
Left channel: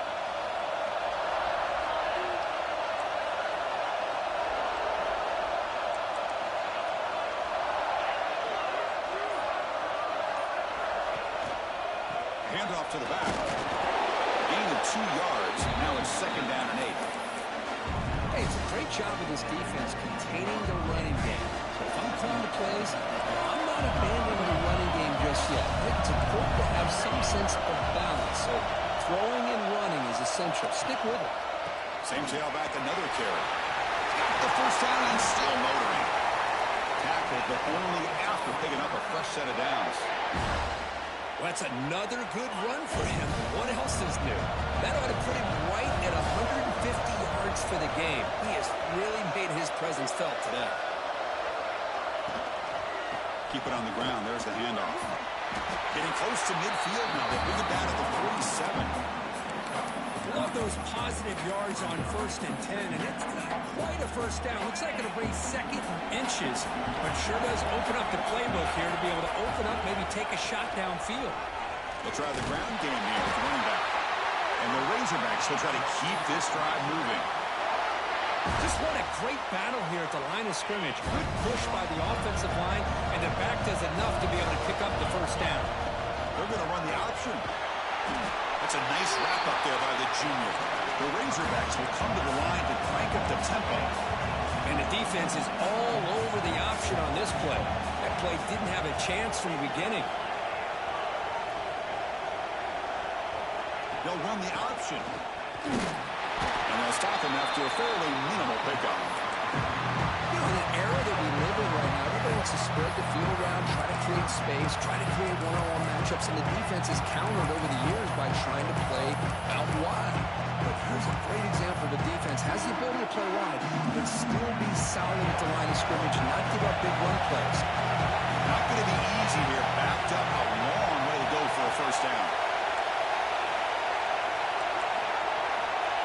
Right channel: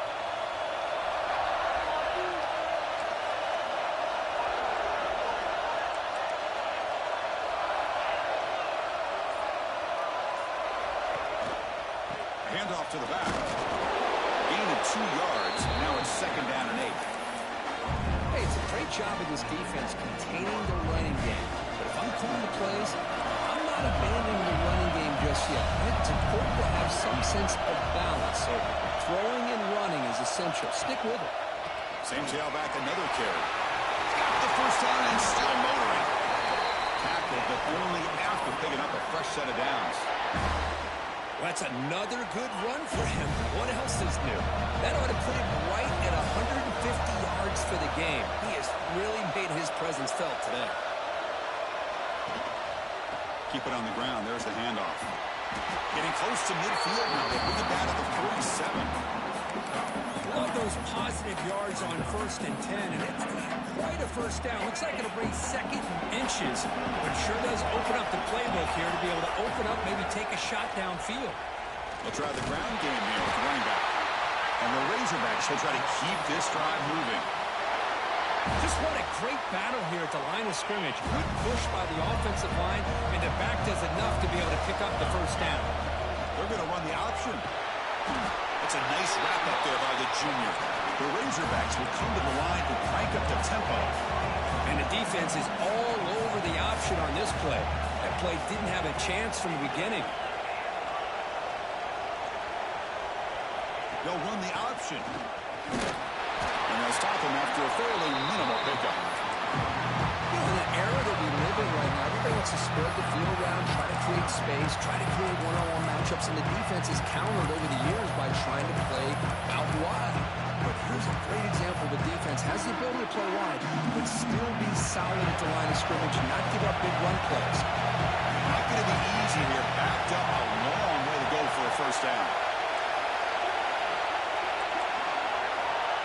Handoff to the back. Gain of 2 yards. Now it's 2nd down and 8. Hey, it's a great job of this defense containing the running game. But if I'm calling the plays, I'm not abandoning the running game just yet. It's important to have some sense of balance. So throwing and running is essential. Stick with it. Same tailback, another carry. Got the 1st down and still motoring. Tackled, but only after picking up a fresh set of downs. Well, that's another good run for him. What else is new? That ought to put him right at 150 yards for the game. He has really made his presence felt today. Keep it on the ground. There's the handoff. Getting close to midfield now. They bring it down to the 47. Love those positive yards on 1st and 10, and it's not quite a 1st down. Looks like it'll bring 2nd and inches, but sure does open up the playbook here to be able to open up, maybe take a shot downfield. They'll try the ground game here with the running back. And the Razorbacks will try to keep this drive moving. Just what a great battle here at the line of scrimmage. Good push by the offensive line, and the back does enough to be able to pick up the 1st down. They're going to run the option. That's a nice wrap up there by the junior. The Razorbacks will come to the line to crank up the tempo. And the defense is all over the option on this play. That play didn't have a chance from the beginning. They'll run the option. And they'll stop him after a fairly minimal pickup. You know, in the era that we live in right now, everybody wants to spread the field around, try to create space, try to create one-on-one matchups, and the defense is countered over the years by trying to play out wide. But here's a great example. The defense has the ability to play wide, but still be solid at the line of scrimmage and not give up big run plays. Not going to be easy here. Backed up a long way to go for a 1st down.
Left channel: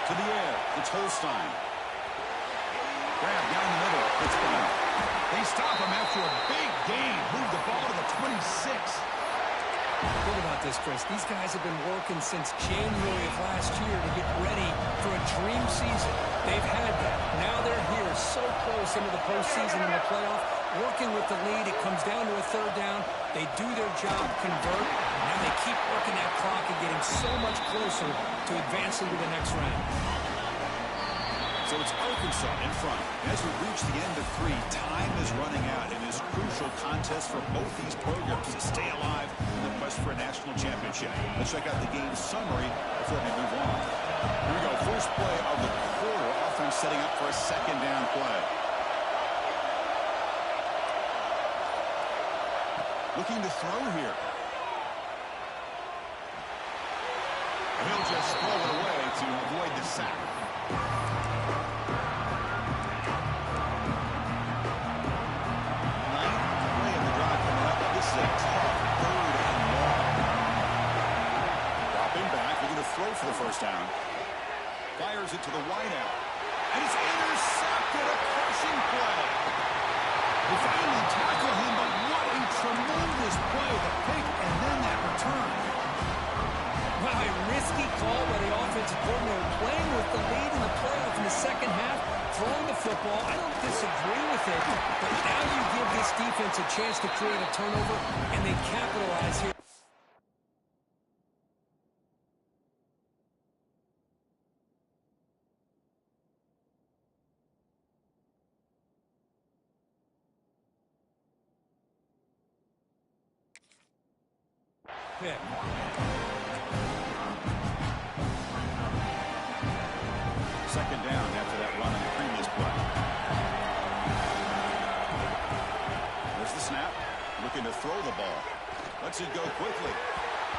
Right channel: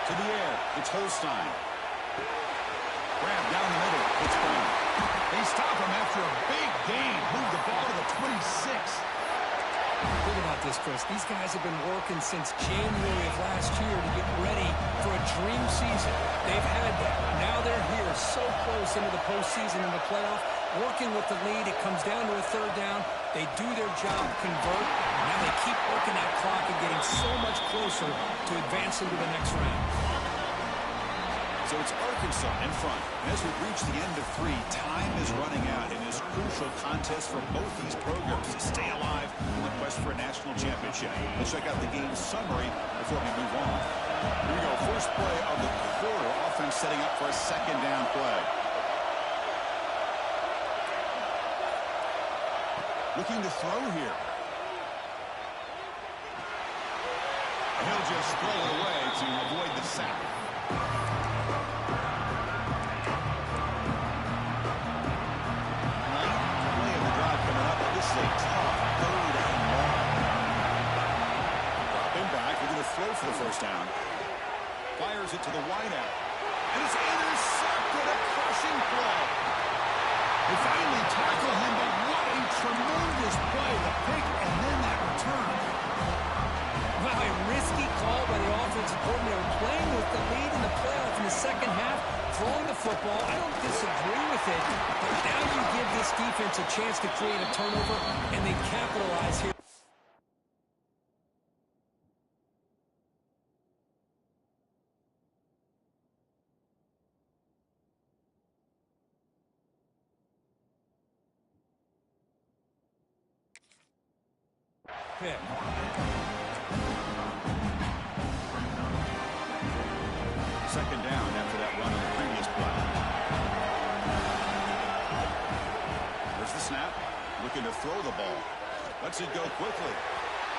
To the air, it's Holstein. Grab down the middle, it's Brown. They stop him after a big gain. Move the ball to the 26. Think about this, Chris. These guys have been working since January of last year to get ready for a dream season. They've had that. Now they're here so close into the postseason and the playoff, working with the lead. It comes down to a third down. They do their job, convert. Now they keep working that clock and getting so much closer to advancing to the next round. So it's Arkansas in front. And as we reach the end of 3, time is running out in this crucial contest for both these programs to stay alive in the quest for a national championship. Let's check out the game summary before we move on. Here we go. First play of the quarter. Offense setting up for a second down play. Looking to throw here. And he'll just throw it away to avoid the sack. This is a tough third and long. Dropping back, looking to throw for the first down. Fires it to the wideout. And it's intercepted, a crushing play. They finally tackle him, but what a tremendous play. The pick and then that return. Wow, a risky call by the offensive coordinator, playing with the lead in the playoff in the second half, throwing the football. I don't disagree with it, but now you give this defense a chance to create a turnover, and they capitalize here. Pick. Second down after that run on the previous play. There's the snap. Looking to throw the ball. Lets it go quickly.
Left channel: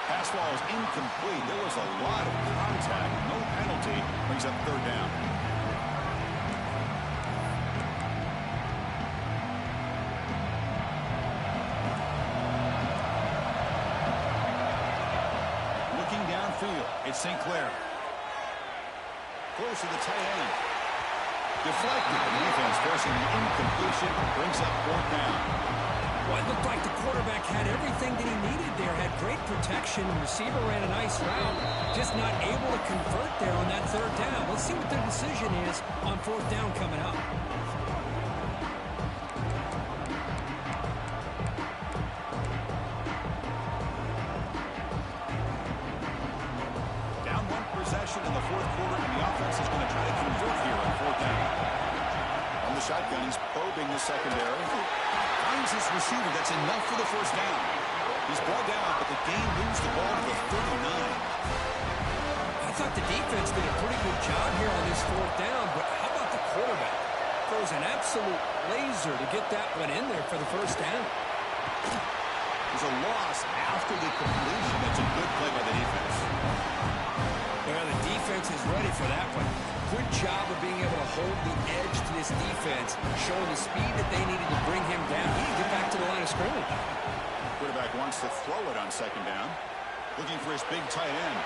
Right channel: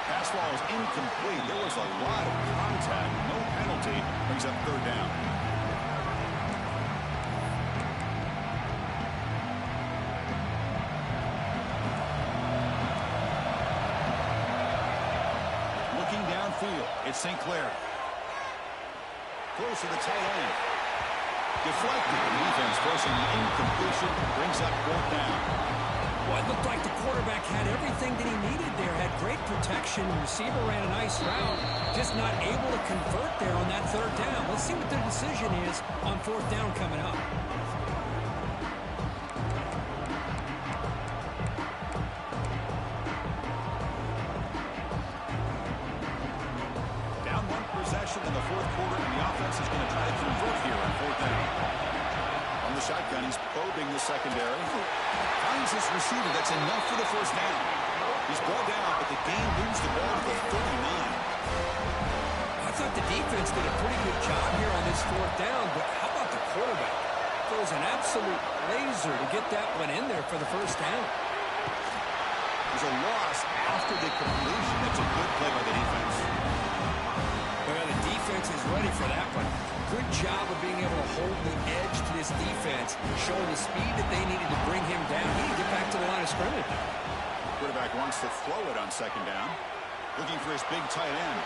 Pass ball is incomplete. There was a lot of contact. No penalty. Brings up third down. Looking downfield. It's St. Clair. Close to the tight end. Deflected. The defense forcing the incompletion. Brings up fourth down. Well, it looked like the quarterback had everything that he needed there. Had great protection. Receiver ran a nice route. Just not able to convert there on that third down. Let's see what their decision is on fourth down coming up. In the fourth quarter, and the offense is going to try to convert here on fourth down. On the shotgun, he's probing the secondary. Finds his receiver. That's enough for the first down. He's brought down, but the game moves the ball to the 39. I thought the defense did a pretty good job here on this fourth down, but how about the quarterback? Throws an absolute laser to get that one in there for the first down. There's a loss after the completion. That's a good play by the defense. Well, the defense is ready for that one. Good job of being able to hold the edge to this defense, showing the speed that they needed to bring him down. He didn't get back to the line of scrimmage. Quarterback wants to throw it on second down. Looking for his big tight end.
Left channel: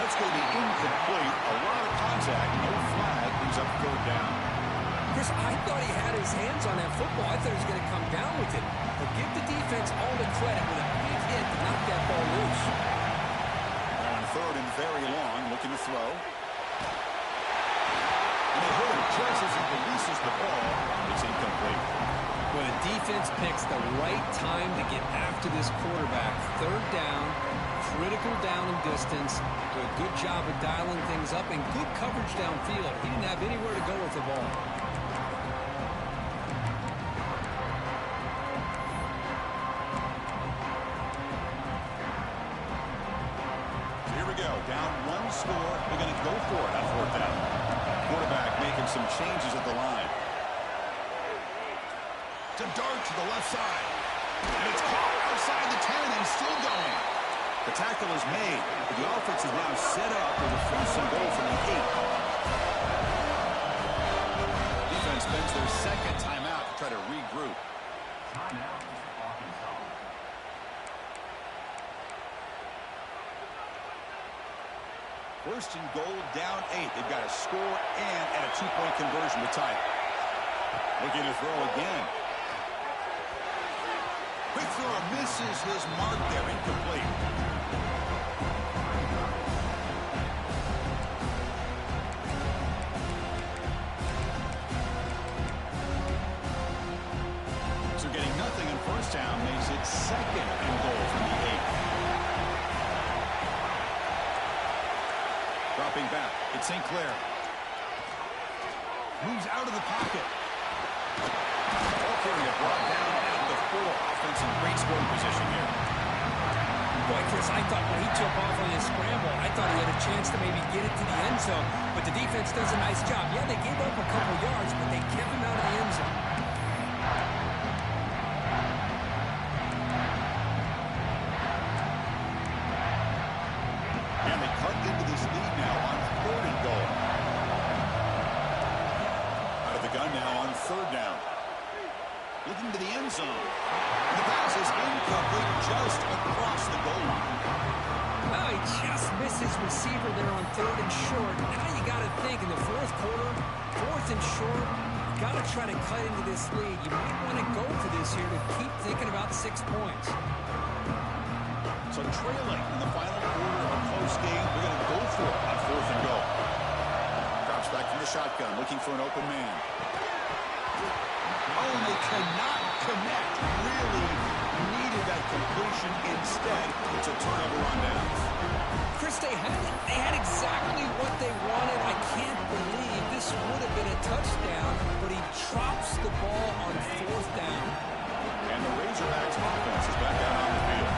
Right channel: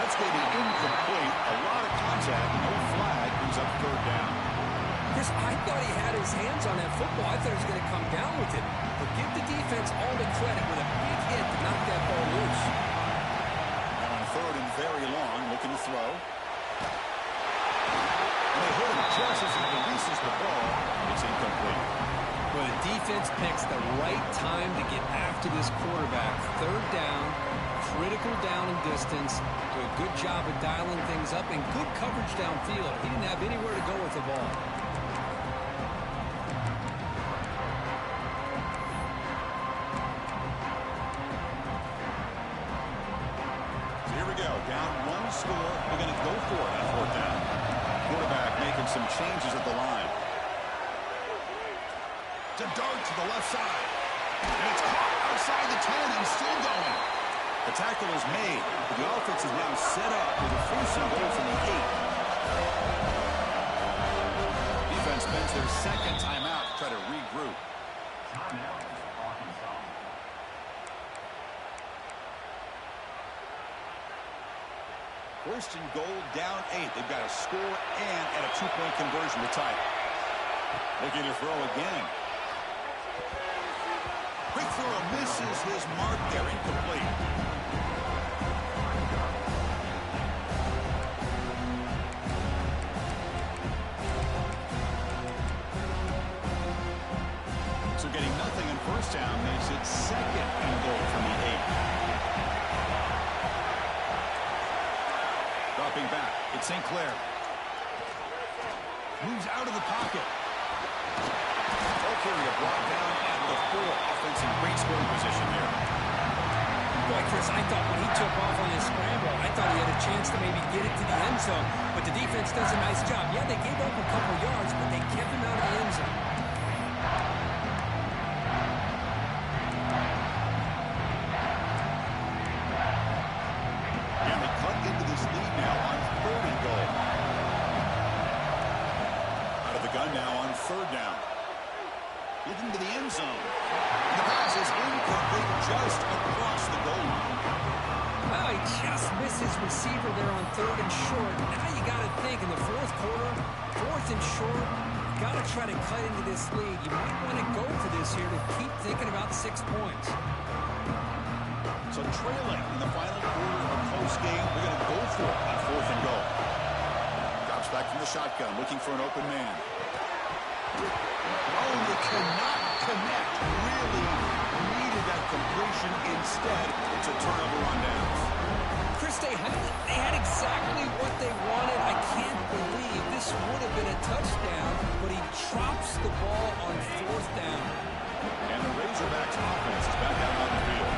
That's going to be incomplete. A lot of contact. No flag. Brings up third down. Chris, I thought he had his hands on that football. I thought he was going to come down with it. But give the defense all the credit with a big hit to knock that ball loose. Third and very long, looking to throw. And they hit him just as he releases the ball. It's incomplete. Well, the defense picks the right time to get after this quarterback. Third down, critical down and distance. Do a good job of dialing things up and good coverage downfield. He didn't have anywhere to go with the ball. Down one score. They're going to go for it on fourth down. Quarterback making some changes at the line. To dart to the left side. And it's caught outside the 10 and still going. The tackle is made, but the offense is now set up with a first and goal from the 8. Defense spends their second timeout to try to regroup. Timeout, Arkansas. First and goal, down 8. They've got a score and at a 2-point conversion to tie it. Looking to throw again. Quick throw misses his mark there, incomplete. So getting nothing on first down makes it 2nd and goal from the 8. Dropping back, it's St. Clair. Moves out of the pocket. Okay, we get brought down at the 4. Offense in great scoring position here. Boy, Chris, I thought when he took off on his scramble, I thought he had a chance to maybe get it to the end zone. But the defense does a nice job. Yeah, they gave up a couple yards, but they kept him out of the end zone. And they cut into this lead now on 3rd and goal. Out of the gun now on 3rd down. Looking to the end zone. The pass is incomplete just across the goal line. Well, he just missed his receiver there on 3rd and short. Now you got to think in the 4th quarter, 4th and short, got to try to cut into this lead. You might want to go for this here to keep thinking about 6 points. So trailing in the final quarter of a close game, they're going to go for it on 4th and goal. Drops back from the shotgun, looking for an open man. Oh, they cannot connect. Really needed that completion. Instead, it's a turnover on downs. Chris, they had exactly what they wanted. I can't believe this would have been a touchdown, but he drops the ball on 4th down. And the Razorbacks offense is back out on the field.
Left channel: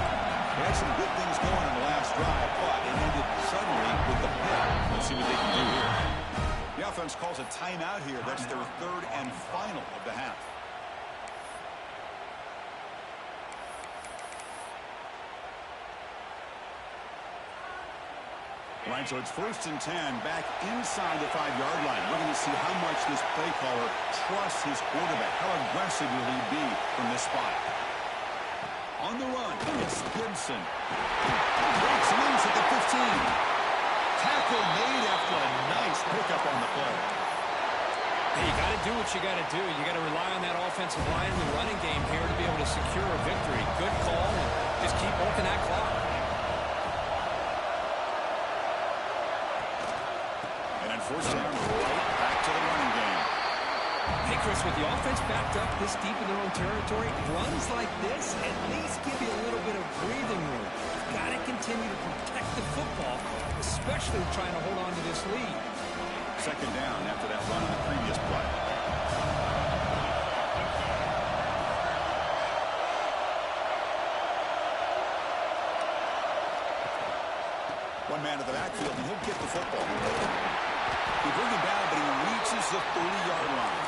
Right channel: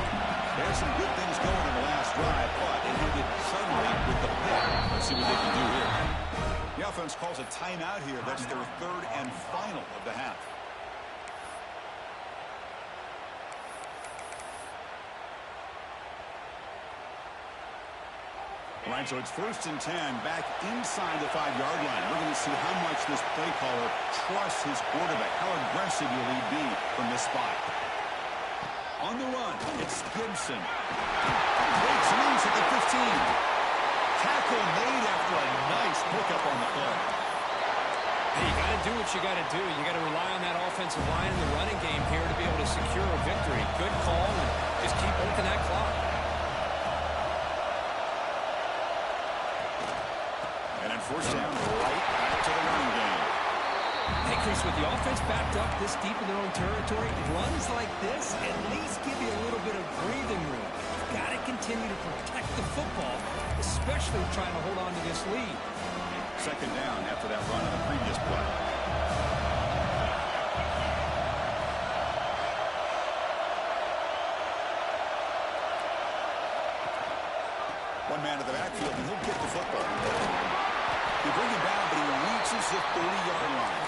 They had some good things going in the last drive, but it ended suddenly with the pick. Let's see what they can do here. The offense calls a timeout here. That's their 3rd and final of the half. All right, so it's 1st and 10 back inside the 5-yard line. We're going to see how much this play caller trusts his quarterback. How aggressive will he be from this spot? On the run, it's Gibson. Breaks loose at the 15. Tackle made after a nice pickup on the play. Hey, you got to do what you got to do. You got to rely on that offensive line in the running game here to be able to secure a victory. Good call, and just keep working that clock. And then 4th down, right back to the running game. Hey, Chris, with the offense backed up this deep in their own territory, runs like this at least give you a little bit of breathing room. You've got to continue to protect the football, especially trying to hold on to this lead. 2nd down after that run on the previous play. One man to the backfield, and he'll get the football. They bring him down, but he reaches the 30-yard line.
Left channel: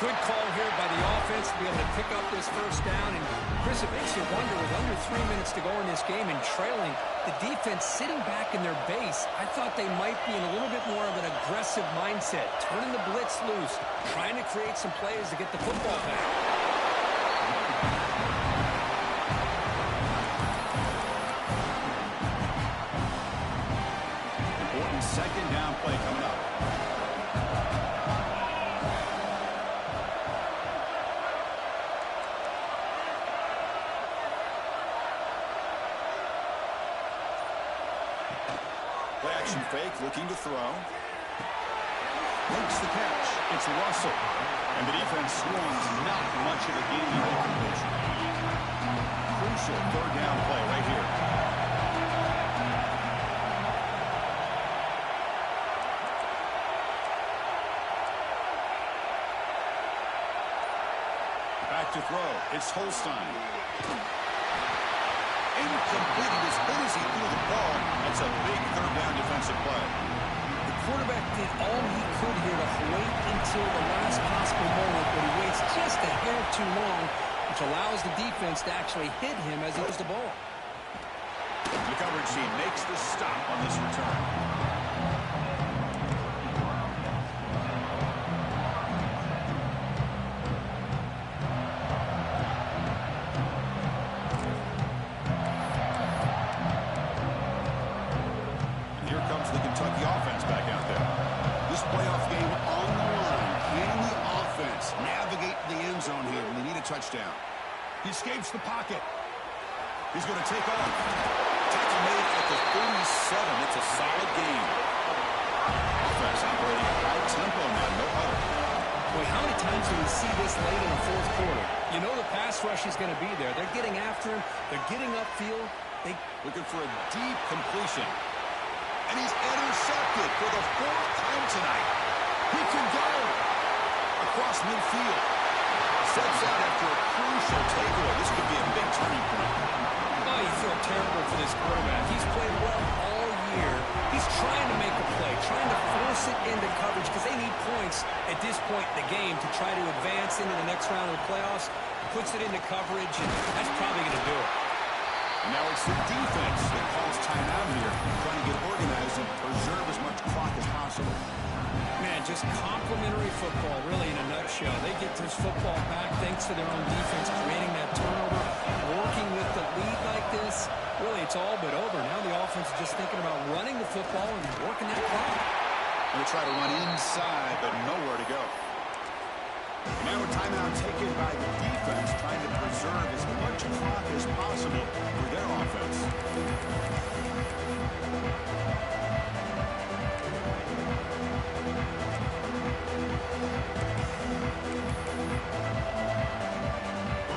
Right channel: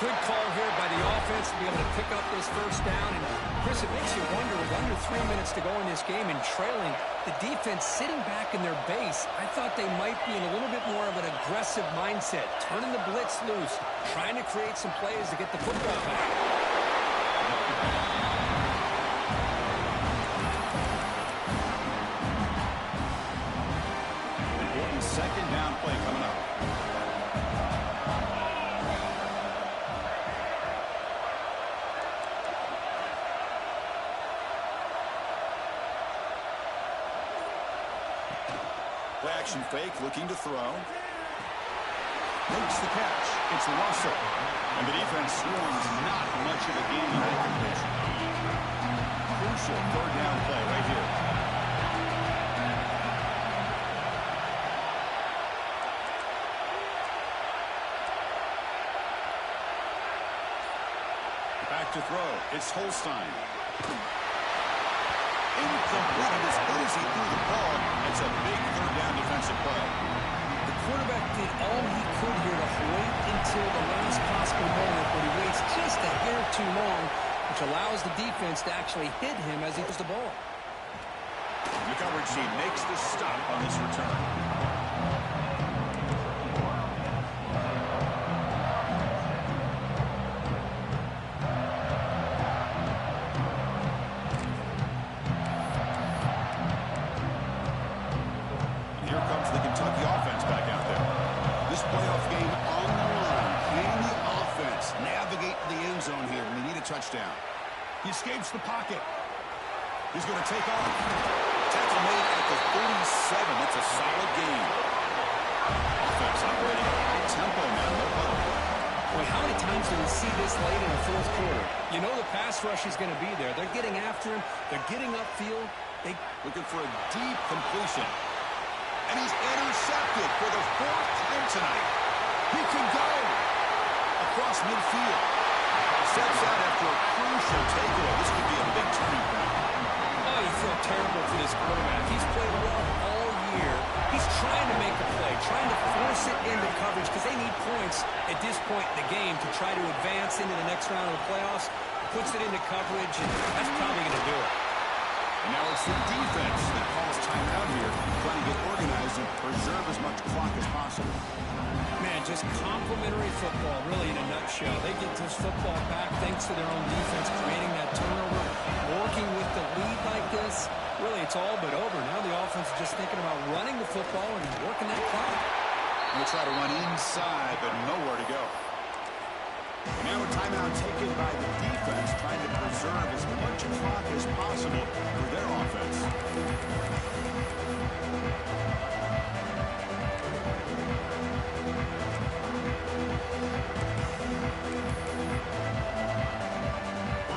Good call here by the offense to be able to pick up this 1st down. And, Chris, it makes you wonder, with under 3 minutes to go in this game and trailing, the defense sitting back in their base, I thought they might be in a little bit more of an aggressive mindset, turning the blitz loose, trying to create some plays to get the football back. Important 2nd down play coming up. Play action fake, looking to throw. Makes the catch. It's Russell. And the defense swarms not much of a gain on that completion. Crucial 3rd down play right here. Back to throw. It's Holstein. Incomplete. He was hit as he threw the ball. That's a big 3rd down defensive play. The quarterback did all he could here to wait until the last possible moment, but he waits just a hair too long, which allows the defense to actually hit him as he throws the ball. The coverage team makes the stop on this return. Kentucky offense back out there. This playoff game on the line. Can the offense navigate the end zone here when they need a touchdown? He escapes the pocket. He's going to take off. Tackle made at the 47. That's a solid gain. Offense operating at high tempo now. No huddle. Boy, how many times do we see this late in the fourth quarter? You know the pass rush is going to be there. They're getting after him. They're getting upfield. Looking for a deep completion. And he's intercepted for the fourth time tonight. He can go across midfield. Steps out after a crucial takeaway. This could be a big turning point. Oh, you feel terrible for this quarterback. He's played well all year. He's trying to make a play, trying to force it into coverage because they need points at this point in the game to try to advance into the next round of the playoffs. Puts it into coverage, and that's probably going to do it. And now it's the defense that calls timeout here, trying to get organized and preserve as much clock as possible. Man, just complimentary football, really, in a nutshell. They get this football back thanks to their own defense, creating that turnover, working with the lead like this. Really, it's all but over. Now the offense is just thinking about running the football and working that clock. They'll try to run inside, but nowhere to go. Now a timeout taken by the defense, trying to preserve as much clock as possible for their offense.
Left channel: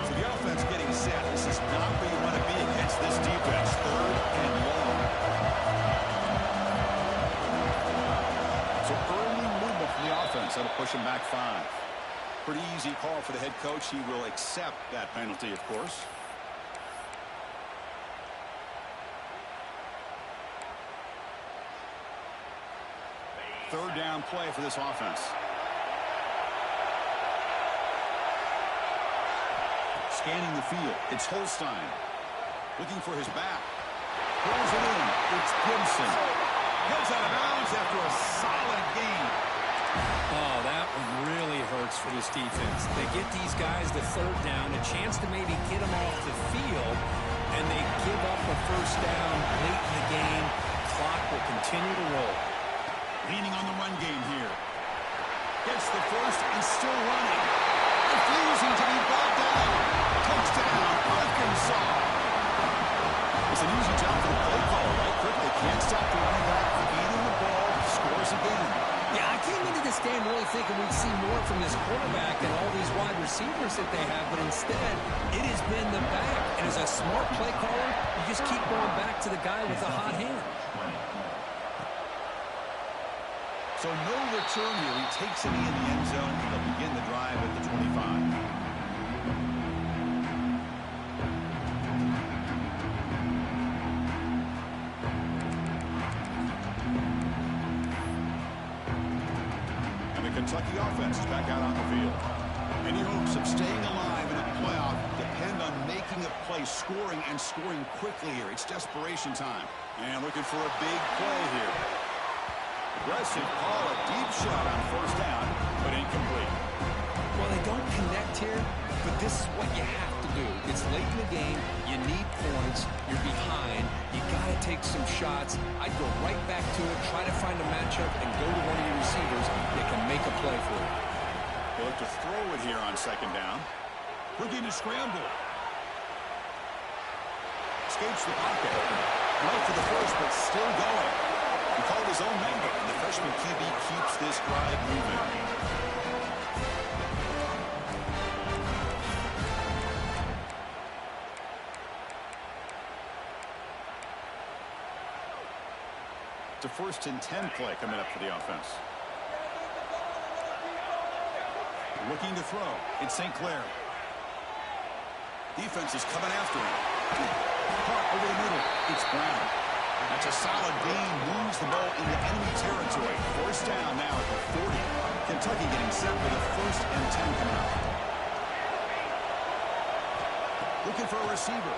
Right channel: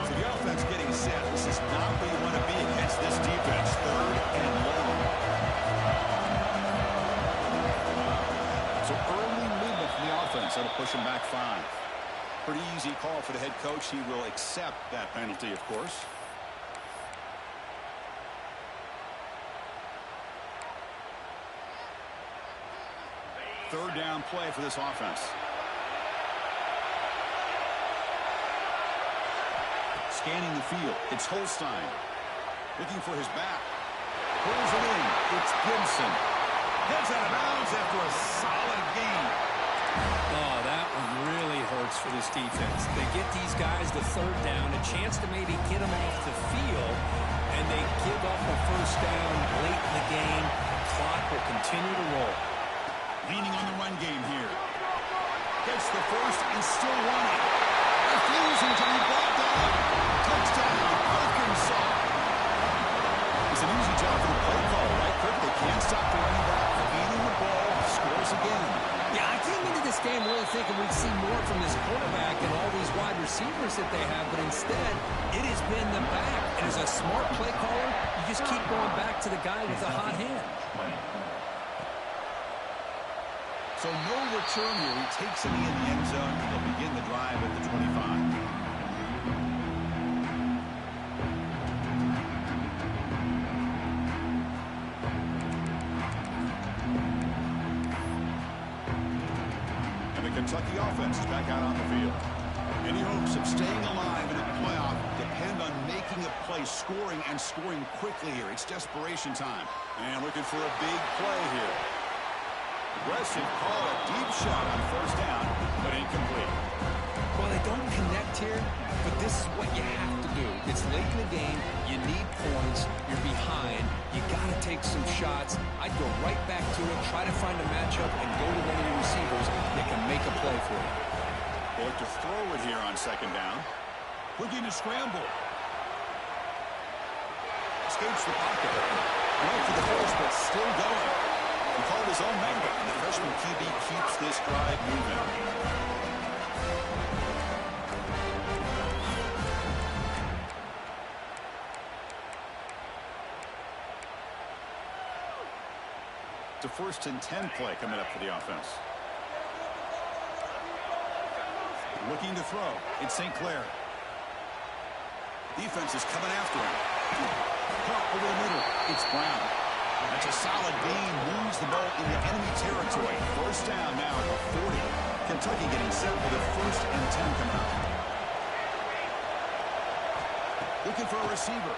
So the offense getting set. This is not where you want to be against this defense. Third and long. So early movement from the offense. That'll push him back 5. Pretty easy call for the head coach. He will accept that penalty, of course. Third down play for this offense. Scanning the field. It's Holstein. Looking for his back. Pulls it in. It's Gibson. Heads out of bounds after a solid gain. Oh, that one really hurts for this defense. They get these guys the third down, a chance to maybe get them off the field, and they give up a first down late in the game. Clock will continue to roll. Leaning on the run game here. Gets the first and still running. Refusing to be brought down. Touchdown, Arkansas. It's an easy job for the play caller, right, Kirk? They can't stop the running back feeding the ball. Scores again. Yeah, I came into this game really thinking we'd see more from this quarterback and all these wide receivers that they have, but instead, it has been the back. And as a smart play caller, you just keep going back to the guy with the hot hand. So no return here. He takes it in the end zone. He'll begin the drive at the 25. Kentucky offense is back out on the field. Any hopes of staying alive in a playoff depend on making a play, scoring, and scoring quickly here. It's desperation time. And looking for a big play here. Aggressive call, a deep shot on first down, but incomplete. Well, they don't connect here, but this is what you have to do. It's late in the game. You need points. You're behind. You got to take some shots. I'd go right back to it, try to find a matchup, and go to one of your receivers that can make a play for you. They look to throw it here on second down. Looking to scramble. Escapes the pocket. Right for the first, but still going. He called his own number, and the freshman QB keeps this drive moving. It's a 1st and 10 play coming up for the offense. Looking to throw. It's St. Clair. Defense is coming after him. Caught over the middle. It's Brown. That's a solid gain. Moves the ball into enemy territory. First down now at the 40. Kentucky getting set for the 1st and 10 coming up. Looking for a receiver.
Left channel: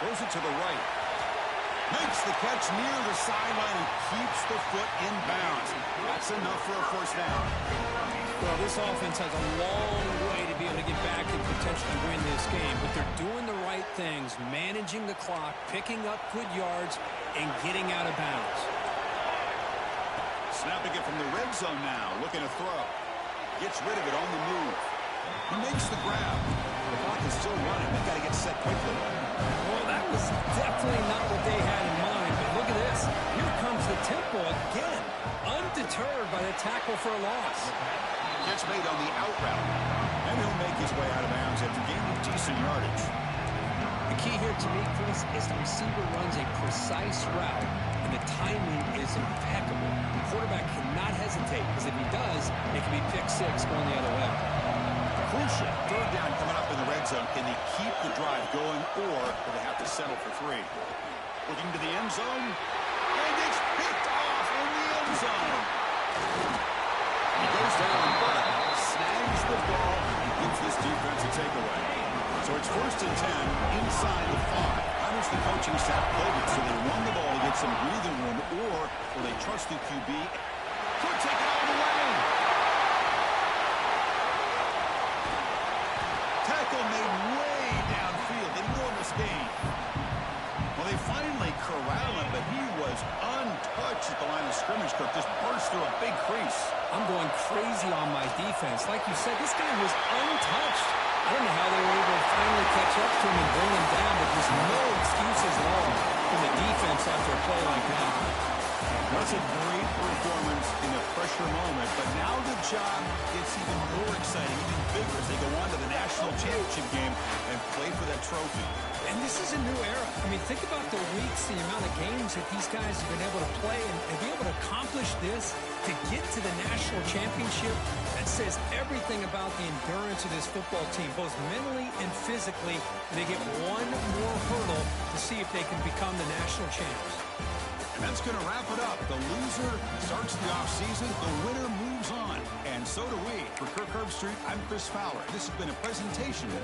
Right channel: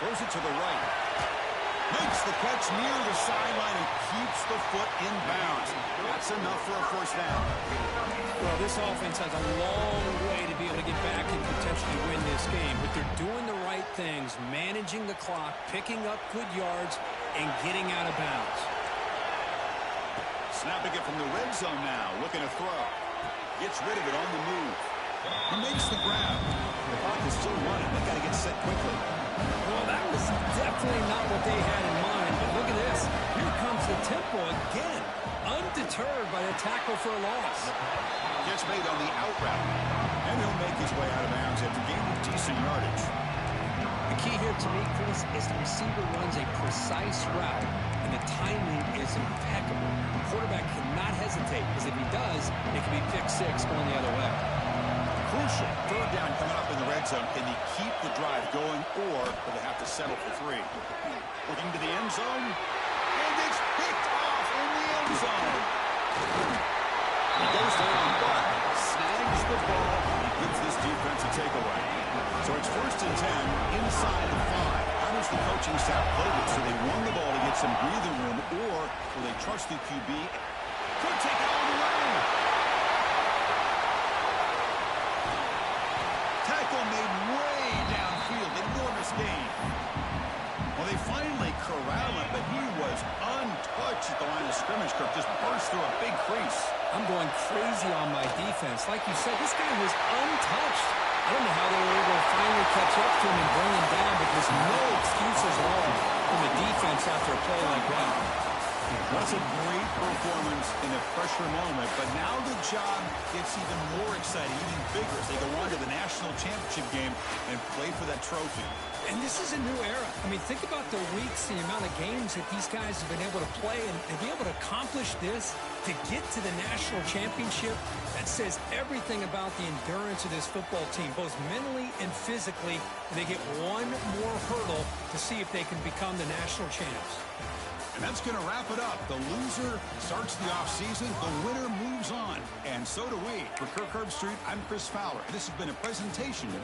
Throws it to the right. Makes the catch near the sideline and keeps the foot in bounds. That's enough for a first down. Well, this offense has a long way to be able to get back and potentially win this game, but they're doing the right things, managing the clock, picking up good yards, and getting out of bounds. Snapping it from the red zone now, looking to throw. Gets rid of it on the move. He makes the grab. The clock is still running. They've got to get set quickly. Well, that was definitely not what they had in mind, but look at this. Here comes the tempo again, undeterred by the tackle for a loss. Catch made on the out route, and he'll make his way out of bounds after gaining decent yardage. The key here to me, Chris, is the receiver runs a precise route, and the timing is impeccable. The quarterback cannot hesitate, because if he does, it can be pick six going the other way. Crucial. Third down coming up in the red zone. Can they keep the drive going, or will they have to settle for 3? Looking to the end zone, and it's picked off in the end zone. He goes down, but snags the ball. He gives this defense a takeaway. So it's 1st and 10 inside the 5. How does the coaching staff play this? So they run the ball to get some breathing room, or will they trust the QB? Could take it all the way. Tackle made way downfield. Enormous gain. Well, they finally corral him, but he was untouched at the line of scrimmage. Kirk just burst through a big crease. I'm going crazy on my defense. Like you said, this guy was untouched. I don't know how they were able to finally catch up to him and bring him down, but there's no excuses at all from the defense after a play like that. That's a great performance in a pressure moment, but now the job gets even more exciting, even bigger as they go on to the national championship game and play for that trophy. And this is a new era. I mean, think about the weeks, the amount of games that these guys have been able to play, and to be able to accomplish this, to get to the national championship, that says everything about the endurance of this football team, both mentally and physically. They get one more hurdle to see if they can become the national champs. And that's going to wrap it up. The loser starts the offseason. The winner moves on. And so do we. For Kirk Herbstreit, I'm Chris Fowler. This has been a presentation of